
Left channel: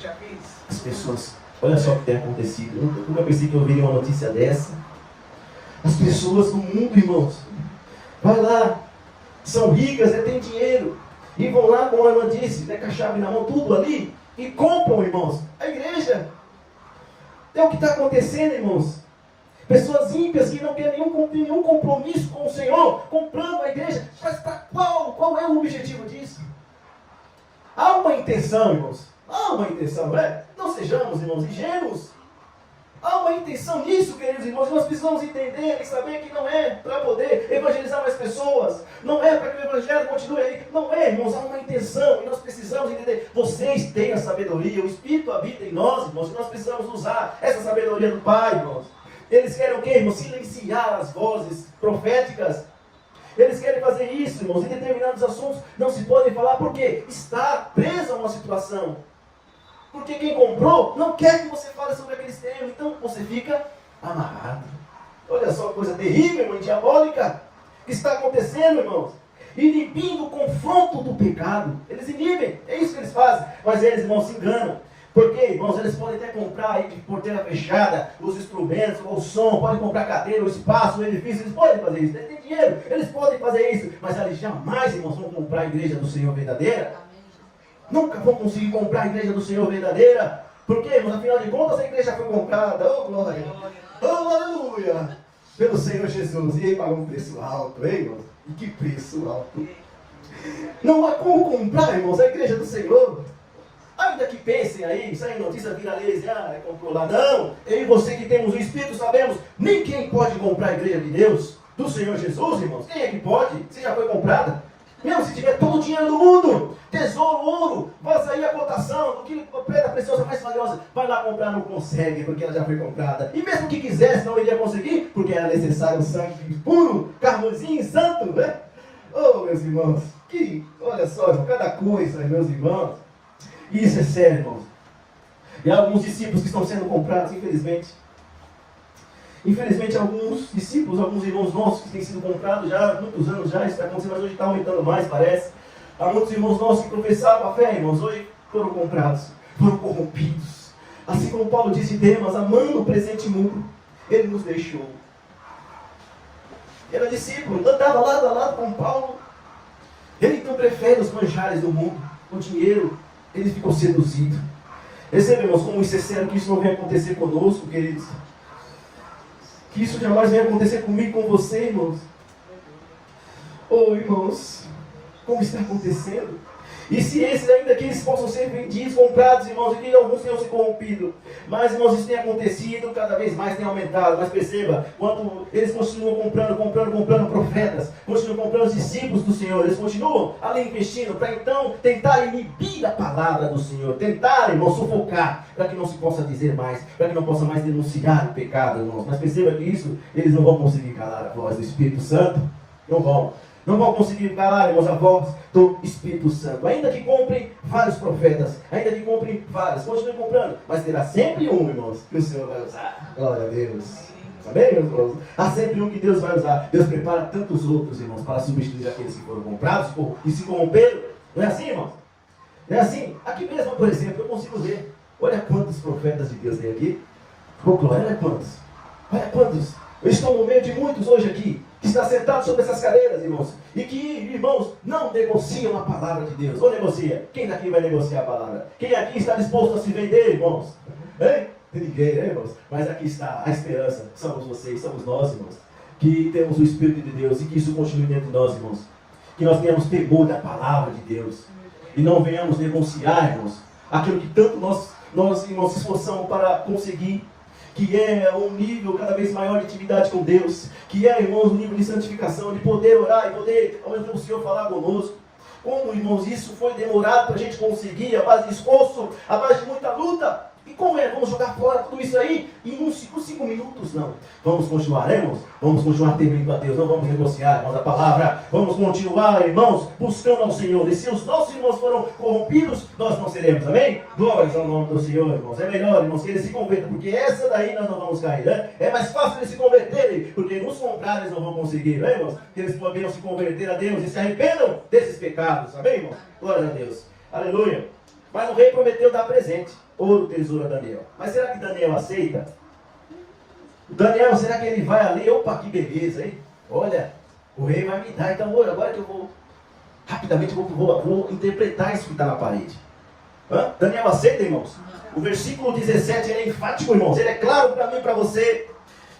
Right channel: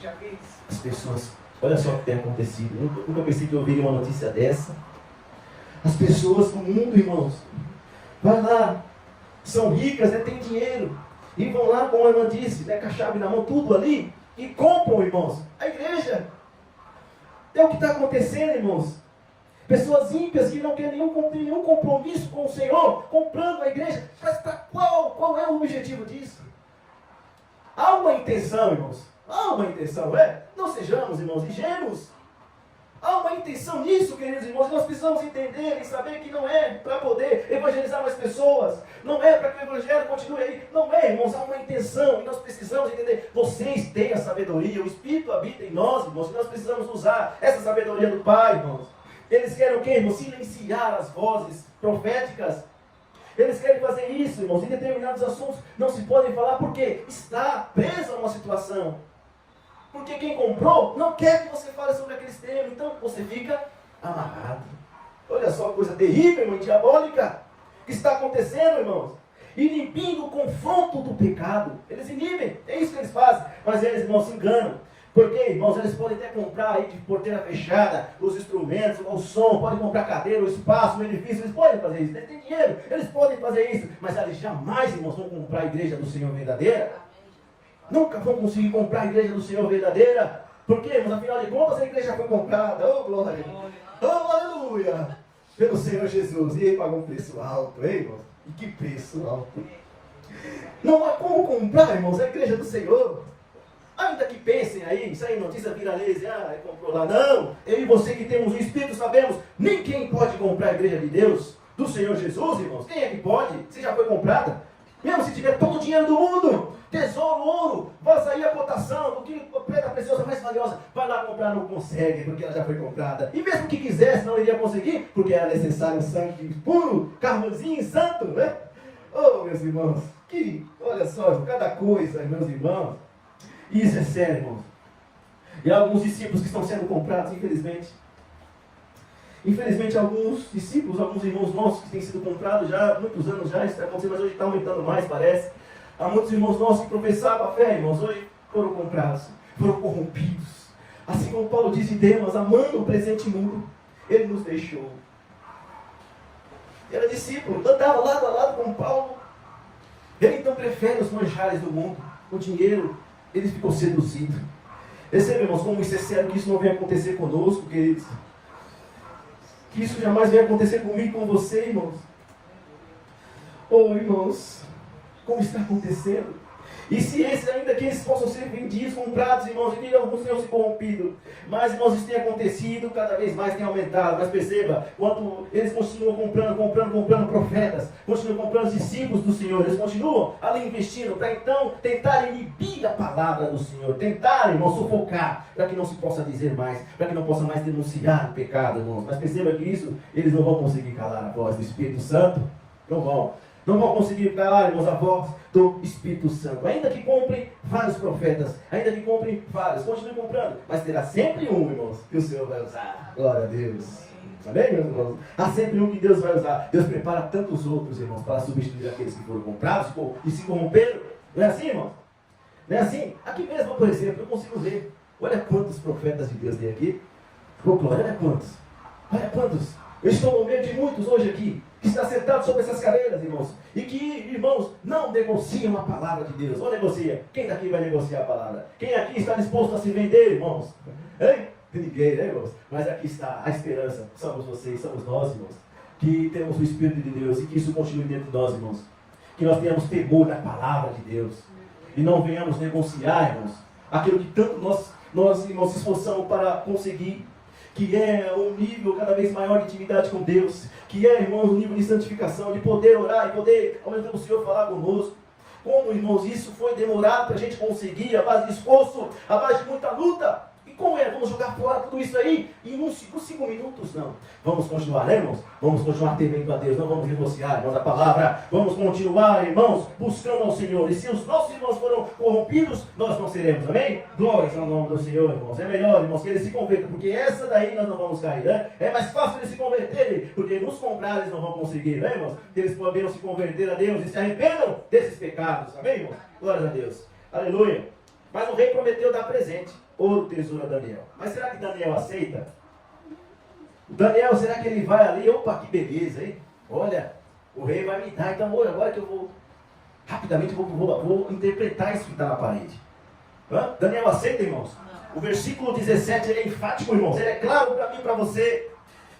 Já vi isso. As pessoas, olha só o que tem acontecido. Eu nunca pensei que eu ouviria uma notícia dessa. As pessoas do mundo, irmãos, vai lá, são ricas, têm dinheiro, e vão lá, como a irmã disse, com a chave na mão, tudo ali, e compram, irmãos, a igreja. É o que está acontecendo, irmãos. Pessoas ímpias que não querem nenhum compromisso com o Senhor, comprando a igreja. Mas para qual é o objetivo disso? Há uma intenção, irmãos. Há uma intenção, não é? Não sejamos, irmãos, ingênuos. Há uma intenção nisso, queridos irmãos. Nós precisamos entender e saber que não é para poder evangelizar mais pessoas. Não é para que o evangelho continue aí. Não é, irmãos. Há uma intenção e nós precisamos entender. Vocês têm a sabedoria. O Espírito habita em nós, irmãos. E nós precisamos usar essa sabedoria do Pai, irmãos. Eles querem o quê, irmãos? Silenciar as vozes proféticas. Eles querem fazer isso, irmãos. Em determinados assuntos não se podem falar porque está preso a uma situação. Porque quem comprou não quer que você fale sobre aqueles temas. Então você fica amarrado. Olha só que coisa terrível, irmão, diabólica, que está acontecendo, irmãos. Inibindo o confronto do pecado. Eles inibem, é isso que eles fazem. Mas eles, irmãos, se enganam. Porque, irmãos, eles podem até comprar aí de porteira fechada os instrumentos, o som, podem comprar cadeira, o espaço, o edifício, eles podem fazer isso. Eles têm dinheiro, eles podem fazer isso. Mas eles jamais, irmãos, vão comprar a igreja do Senhor verdadeira. Nunca vão conseguir comprar a igreja do Senhor verdadeira. Porque, irmãos, afinal de contas, a igreja foi comprada. Oh, glória! Oh, aleluia! Pelo Senhor Jesus. E ele pagou um preço alto, hein, irmãos? E que preço alto! Não há como comprar, irmãos, a igreja do Senhor. Ainda que pensem aí, saem notícias viralizam, comprou lá. Não, eu e você que temos o Espírito sabemos, nem quem pode comprar a igreja de Deus, do Senhor Jesus, irmãos. Quem é que pode? Se já foi comprada. Mesmo se tiver todo o dinheiro do mundo, tesouro, ouro, vai sair a cotação, do que pedra preciosa mais valiosa, vai lá comprar, não consegue, porque ela já foi comprada. E mesmo que quisesse, não iria conseguir, porque era necessário sangue puro, carbozinho santo, né? Oh, meus irmãos, olha só, cada coisa, meus irmãos. Isso é sério, irmãos. E há alguns discípulos que estão sendo comprados, infelizmente. Infelizmente, alguns discípulos, alguns irmãos nossos que têm sido comprados já há muitos anos já, isso está acontecendo, mas hoje está aumentando mais, parece. Há muitos irmãos nossos que professavam a fé, irmãos, hoje foram comprados, foram corrompidos. Assim como Paulo disse, Demas, amando o presente mundo, ele nos deixou. Ele era discípulo, andava lado a lado com Paulo. Ele então prefere os manjares do mundo, o dinheiro. Ele ficou seduzido. Recebe, irmãos, como isso é sério, que isso não venha acontecer conosco, queridos. Que isso jamais venha acontecer comigo, com você, irmãos. Oh, irmãos, como está acontecendo? E se esses ainda que eles possam ser vendidos, comprados, irmãos, e alguns tenham se corrompido. Mas, irmãos, isso tem acontecido, cada vez mais tem aumentado. Mas perceba, quanto eles continuam comprando profetas, continuam comprando os discípulos do Senhor, eles continuam ali investindo para então tentar inibir a palavra do Senhor, tentar, irmãos, sufocar, para que não se possa dizer mais, para que não possa mais denunciar o pecado, irmãos. Mas perceba que isso, eles não vão conseguir calar a voz do Espírito Santo, não vão. Não vão conseguir calar, irmãos, a voz do Espírito Santo. Ainda que comprem vários profetas, ainda que comprem vários, continuem comprando, mas terá sempre um, irmãos, que o Senhor vai usar. Glória a Deus. Amém, meus irmãos? Há sempre um que Deus vai usar. Deus prepara tantos outros, irmãos, para substituir aqueles que foram comprados e se corromperam. Não é assim, irmãos? Não é assim? Aqui mesmo, por exemplo, eu consigo ver. Olha quantos profetas de Deus tem aqui. Oh, glória, olha quantos. Olha quantos. Eu estou no meio de muitos hoje aqui, que está sentado sobre essas cadeiras, irmãos, e que, irmãos, não negociam a palavra de Deus. Ou negocia? Quem daqui vai negociar a palavra? Quem aqui está disposto a se vender, irmãos? Hein? Ninguém, né, irmãos? Mas aqui está a esperança. Somos vocês, somos nós, irmãos, que temos o Espírito de Deus e que isso continue dentro de nós, irmãos. Que nós tenhamos temor da palavra de Deus e não venhamos negociar, irmãos, aquilo que tanto nós irmãos, se esforçamos para conseguir, que é um nível cada vez maior de intimidade com Deus, que é, irmãos, um nível de santificação, de poder orar e poder, ao mesmo tempo, o Senhor falar conosco. Como, irmãos, isso foi demorado para a gente conseguir, à base de esforço, à base de muita luta. E como é? Vamos jogar fora tudo isso aí? E nos 5 minutos, não. Vamos continuar, né, irmãos? Vamos continuar temendo a Deus. Não vamos negociar, irmãos, a palavra. Vamos continuar, irmãos, buscando ao Senhor. E se os nossos irmãos foram corrompidos, nós não seremos, amém? Glórias ao nome do Senhor, irmãos. É melhor, irmãos, que eles se convertam, porque essa daí nós não vamos cair, né? É mais fácil eles se converterem, porque nos contrários eles não vão conseguir, né, irmãos? Que eles poderão se converter a Deus e se arrependam desses pecados, amém, irmãos? Glória a Deus. Aleluia. Mas o rei prometeu dar presente, ouro, tesouro a Daniel. Mas será que Daniel aceita? O Daniel, será que ele vai ali? Opa, que beleza, hein? Olha, o rei vai me dar, então agora que eu vou, rapidamente, vou interpretar isso que está na parede. Daniel aceita, irmãos? O versículo 17, ele é enfático, irmãos. Ele é claro para mim e para você.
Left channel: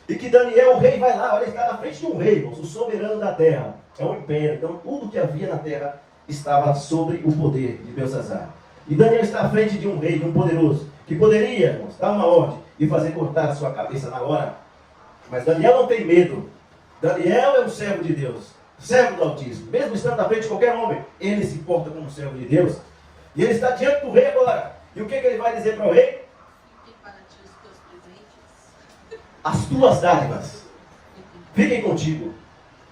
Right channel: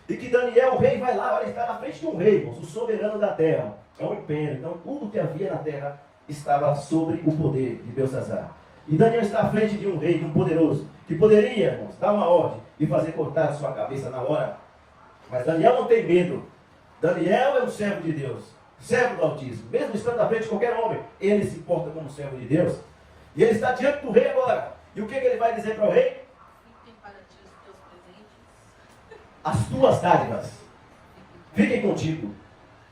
E que Daniel, o rei, vai lá, olha, ele está na frente de um rei, irmãos, o soberano da terra. É um império, então tudo que havia na terra estava sobre o poder de Belsazar. E Daniel está à frente de um rei, de um poderoso, que poderia, irmãos, dar uma ordem e fazer cortar a sua cabeça na hora. Mas Daniel não tem medo. Daniel é um servo de Deus, servo do Altíssimo. Mesmo estando na frente de qualquer homem, ele se porta como servo de Deus. E ele está diante do rei agora. E o que ele vai dizer para o rei? Fiquem para ti os teus presentes. As tuas dádivas fiquem contigo.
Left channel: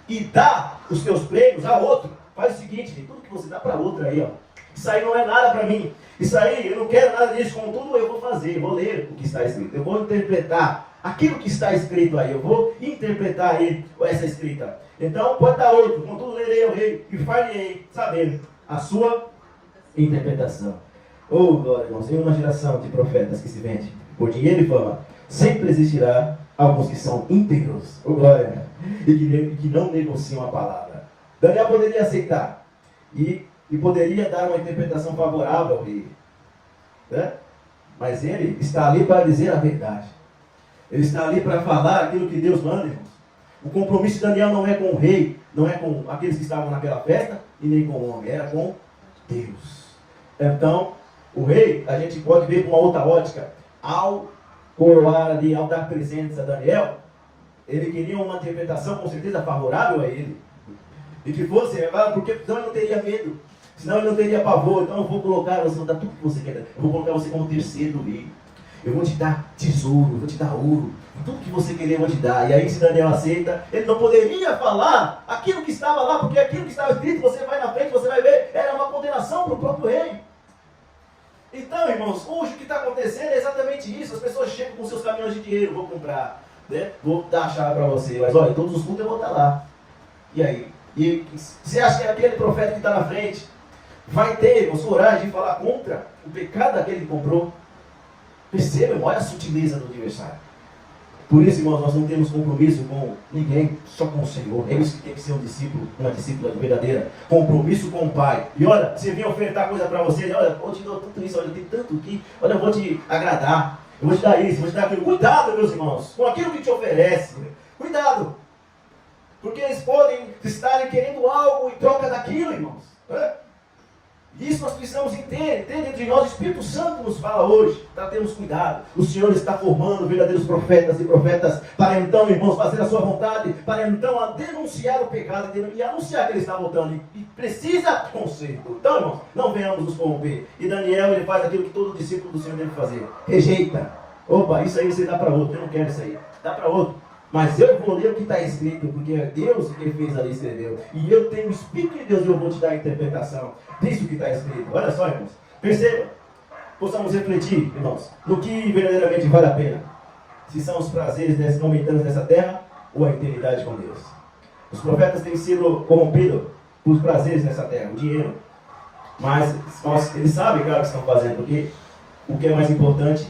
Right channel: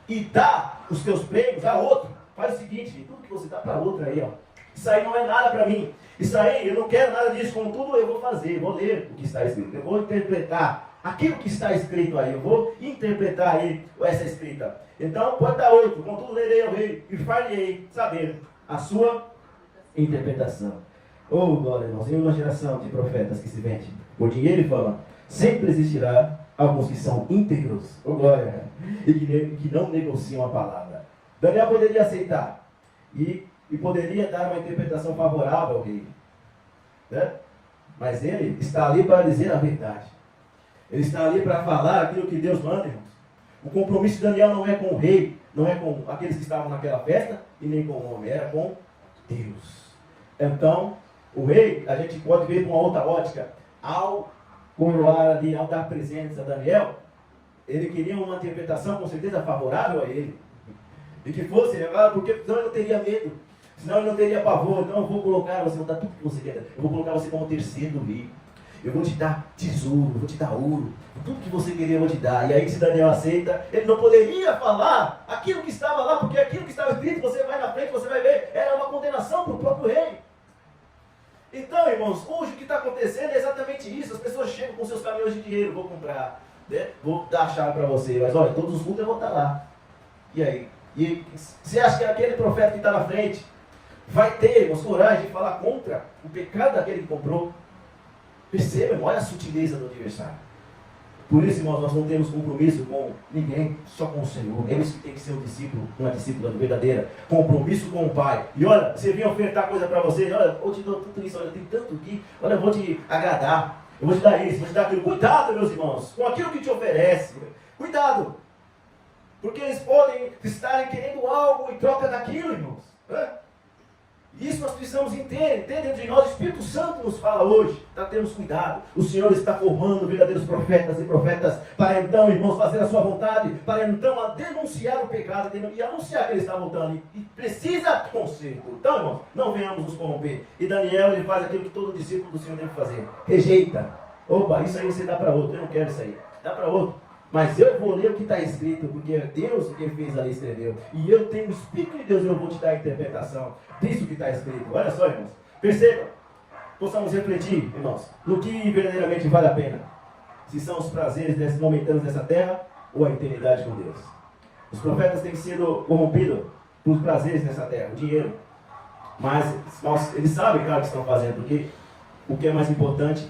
E dá os teus prêmios a outro. Faz o seguinte, gente, tudo que você dá para outro aí, ó. Isso aí não é nada para mim. Isso aí, eu não quero nada disso. Contudo, eu vou fazer, vou ler o que está escrito. Eu vou interpretar aquilo que está escrito aí. Eu vou interpretar aí essa escrita. Então, pode dar outro. Contudo, lerei ao rei e farei saber a sua interpretação. Oh, glória, irmãos. Em uma geração de profetas que se vende por dinheiro e fama, sempre existirá alguns que são íntegros. Oh, glória. E que não negociam a palavra. Daniel poderia aceitar. E poderia dar uma interpretação favorável ao rei. Né? Mas ele está ali para dizer a verdade. Ele está ali para falar aquilo que Deus manda, irmãos. O compromisso de Daniel não é com o rei, não é com aqueles que estavam naquela festa, e nem com o homem, era com Deus. Então, o rei, a gente pode ver com uma outra ótica, ao coroar ali, ao dar presentes a Daniel, ele queria uma interpretação com certeza favorável a ele. E que fosse, porque senão ele não teria medo. Senão ele não teria pavor. Então eu vou colocar, você vou dar tudo que você quer. Eu vou colocar você como terceiro do rei. Eu vou te dar tesouro, eu vou te dar ouro. Tudo que você querer eu vou te dar. E aí se Daniel aceita, ele não poderia falar aquilo que estava lá, porque aquilo que estava escrito, você vai na frente, você vai ver, era uma condenação para o próprio rei. Então, irmãos, hoje o que está acontecendo é exatamente isso. As pessoas chegam com seus caminhões de dinheiro, vou comprar, né? Vou dar a chave para você. Mas olha, todos os cultos eu vou estar lá. E aí? E você acha que aquele profeta que está na frente vai ter, irmãos, coragem de falar contra o pecado daquele que comprou? Perceba, irmão, olha a sutileza do adversário. Por isso, irmãos, nós não temos compromisso com ninguém, só com o Senhor. É isso que tem que ser um discípulo, uma discípula verdadeira. Compromisso com o Pai. E olha, você vem ofertar coisa para você, olha, eu te dou tudo isso, olha, eu tenho tanto aqui, olha, eu vou te agradar, eu vou te dar isso, vou te dar aquilo. Cuidado, meus irmãos, com aquilo que te oferece. Cuidado. Porque eles podem estarem querendo algo em troca daquilo, irmãos. Isso nós precisamos entender dentro de nós. O Espírito Santo nos fala hoje para termos cuidado. O Senhor está formando verdadeiros profetas e profetas para então, irmãos, fazer a sua vontade, para então denunciar o pecado e anunciar que ele está voltando e precisa conserto. Então, irmãos, não venhamos nos corromper. E Daniel, ele faz aquilo que todo discípulo do Senhor deve fazer. Rejeita. Opa, isso aí você dá para outro. Eu não quero isso aí. Dá para outro. Mas eu vou ler o que está escrito, porque é Deus quem fez a lei e escreveu. E eu tenho o Espírito de Deus e eu vou te dar a interpretação disso que está escrito. Olha só, irmãos. Perceba. Possamos refletir, irmãos, no que verdadeiramente vale a pena. Se são os prazeres momentâneos nessa terra ou a eternidade com Deus. Os profetas têm sido corrompidos por prazeres nessa terra, o dinheiro. Mas eles sabem, claro, o que estão fazendo, porque o que é mais importante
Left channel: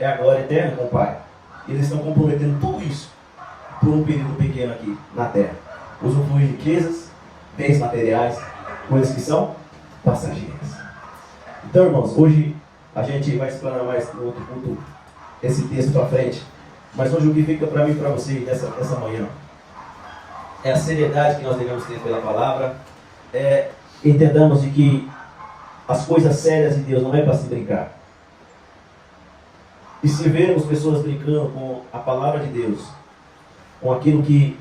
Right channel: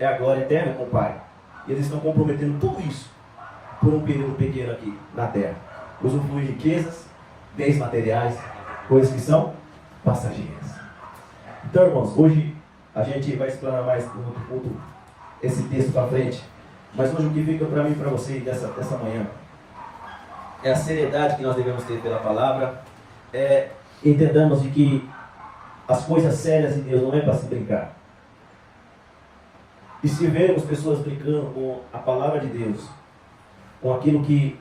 é a glória eterna com o Pai. E eles estão comprometendo tudo isso por um período pequeno aqui na terra. Usufruir riquezas, bens materiais, coisas que são passageiras. Então, irmãos, hoje a gente vai explanar mais no outro culto esse texto para frente. Mas hoje o que fica para mim e para você dessa manhã é a seriedade que nós devemos ter pela palavra. Entendamos de que as coisas sérias de Deus não é para se brincar. E se vermos pessoas brincando com a palavra de Deus, com aquilo que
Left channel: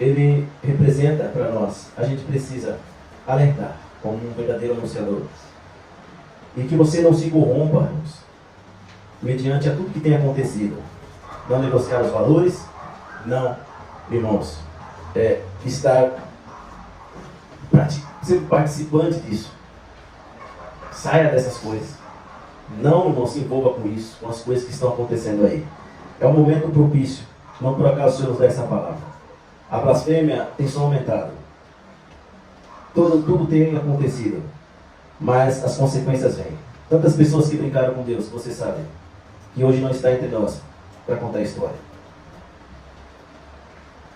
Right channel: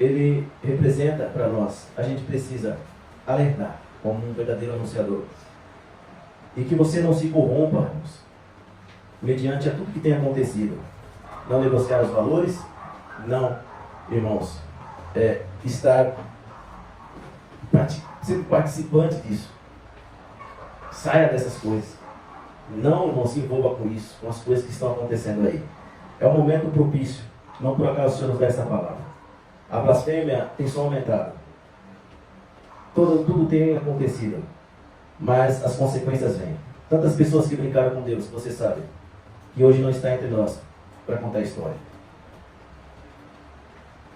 ele representa para nós, a gente precisa alertar como um verdadeiro anunciador. E que você não se corrompa, irmãos, mediante a tudo que tem acontecido. Não negociar os valores, não, irmãos, estar ser participante disso. Saia dessas coisas. Não se envolva com isso, com as coisas que estão acontecendo aí. É um momento propício. Não por acaso o Senhor nos dá essa palavra. A blasfêmia tem só aumentado. Tudo tem acontecido. Mas as consequências vêm. Tantas pessoas que brincaram com Deus, você sabe, que hoje não está entre nós para contar a história.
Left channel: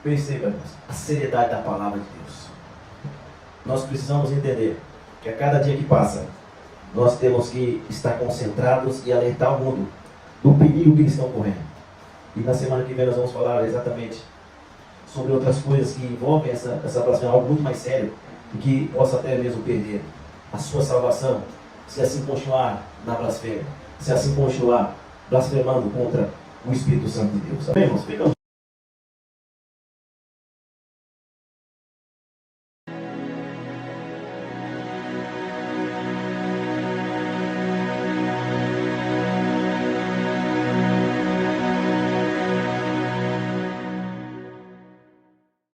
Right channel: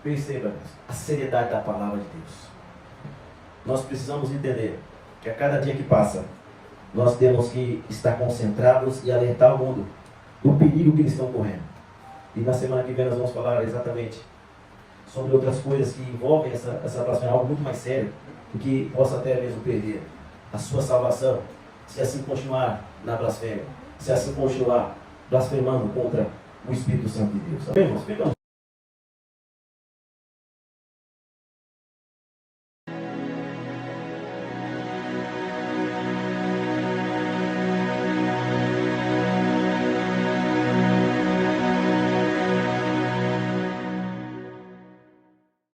Perceba a seriedade da palavra de Deus. Nós precisamos entender que a cada dia que passa, nós temos que estar concentrados e alertar o mundo do perigo que eles estão correndo. E na semana que vem nós vamos falar exatamente sobre outras coisas que envolvem essa blasfêmia, algo muito mais sério, e que possa até mesmo perder a sua salvação, se assim continuar na blasfêmia, se assim continuar blasfemando contra o Espírito Santo de Deus. Sabemos? Ficamos.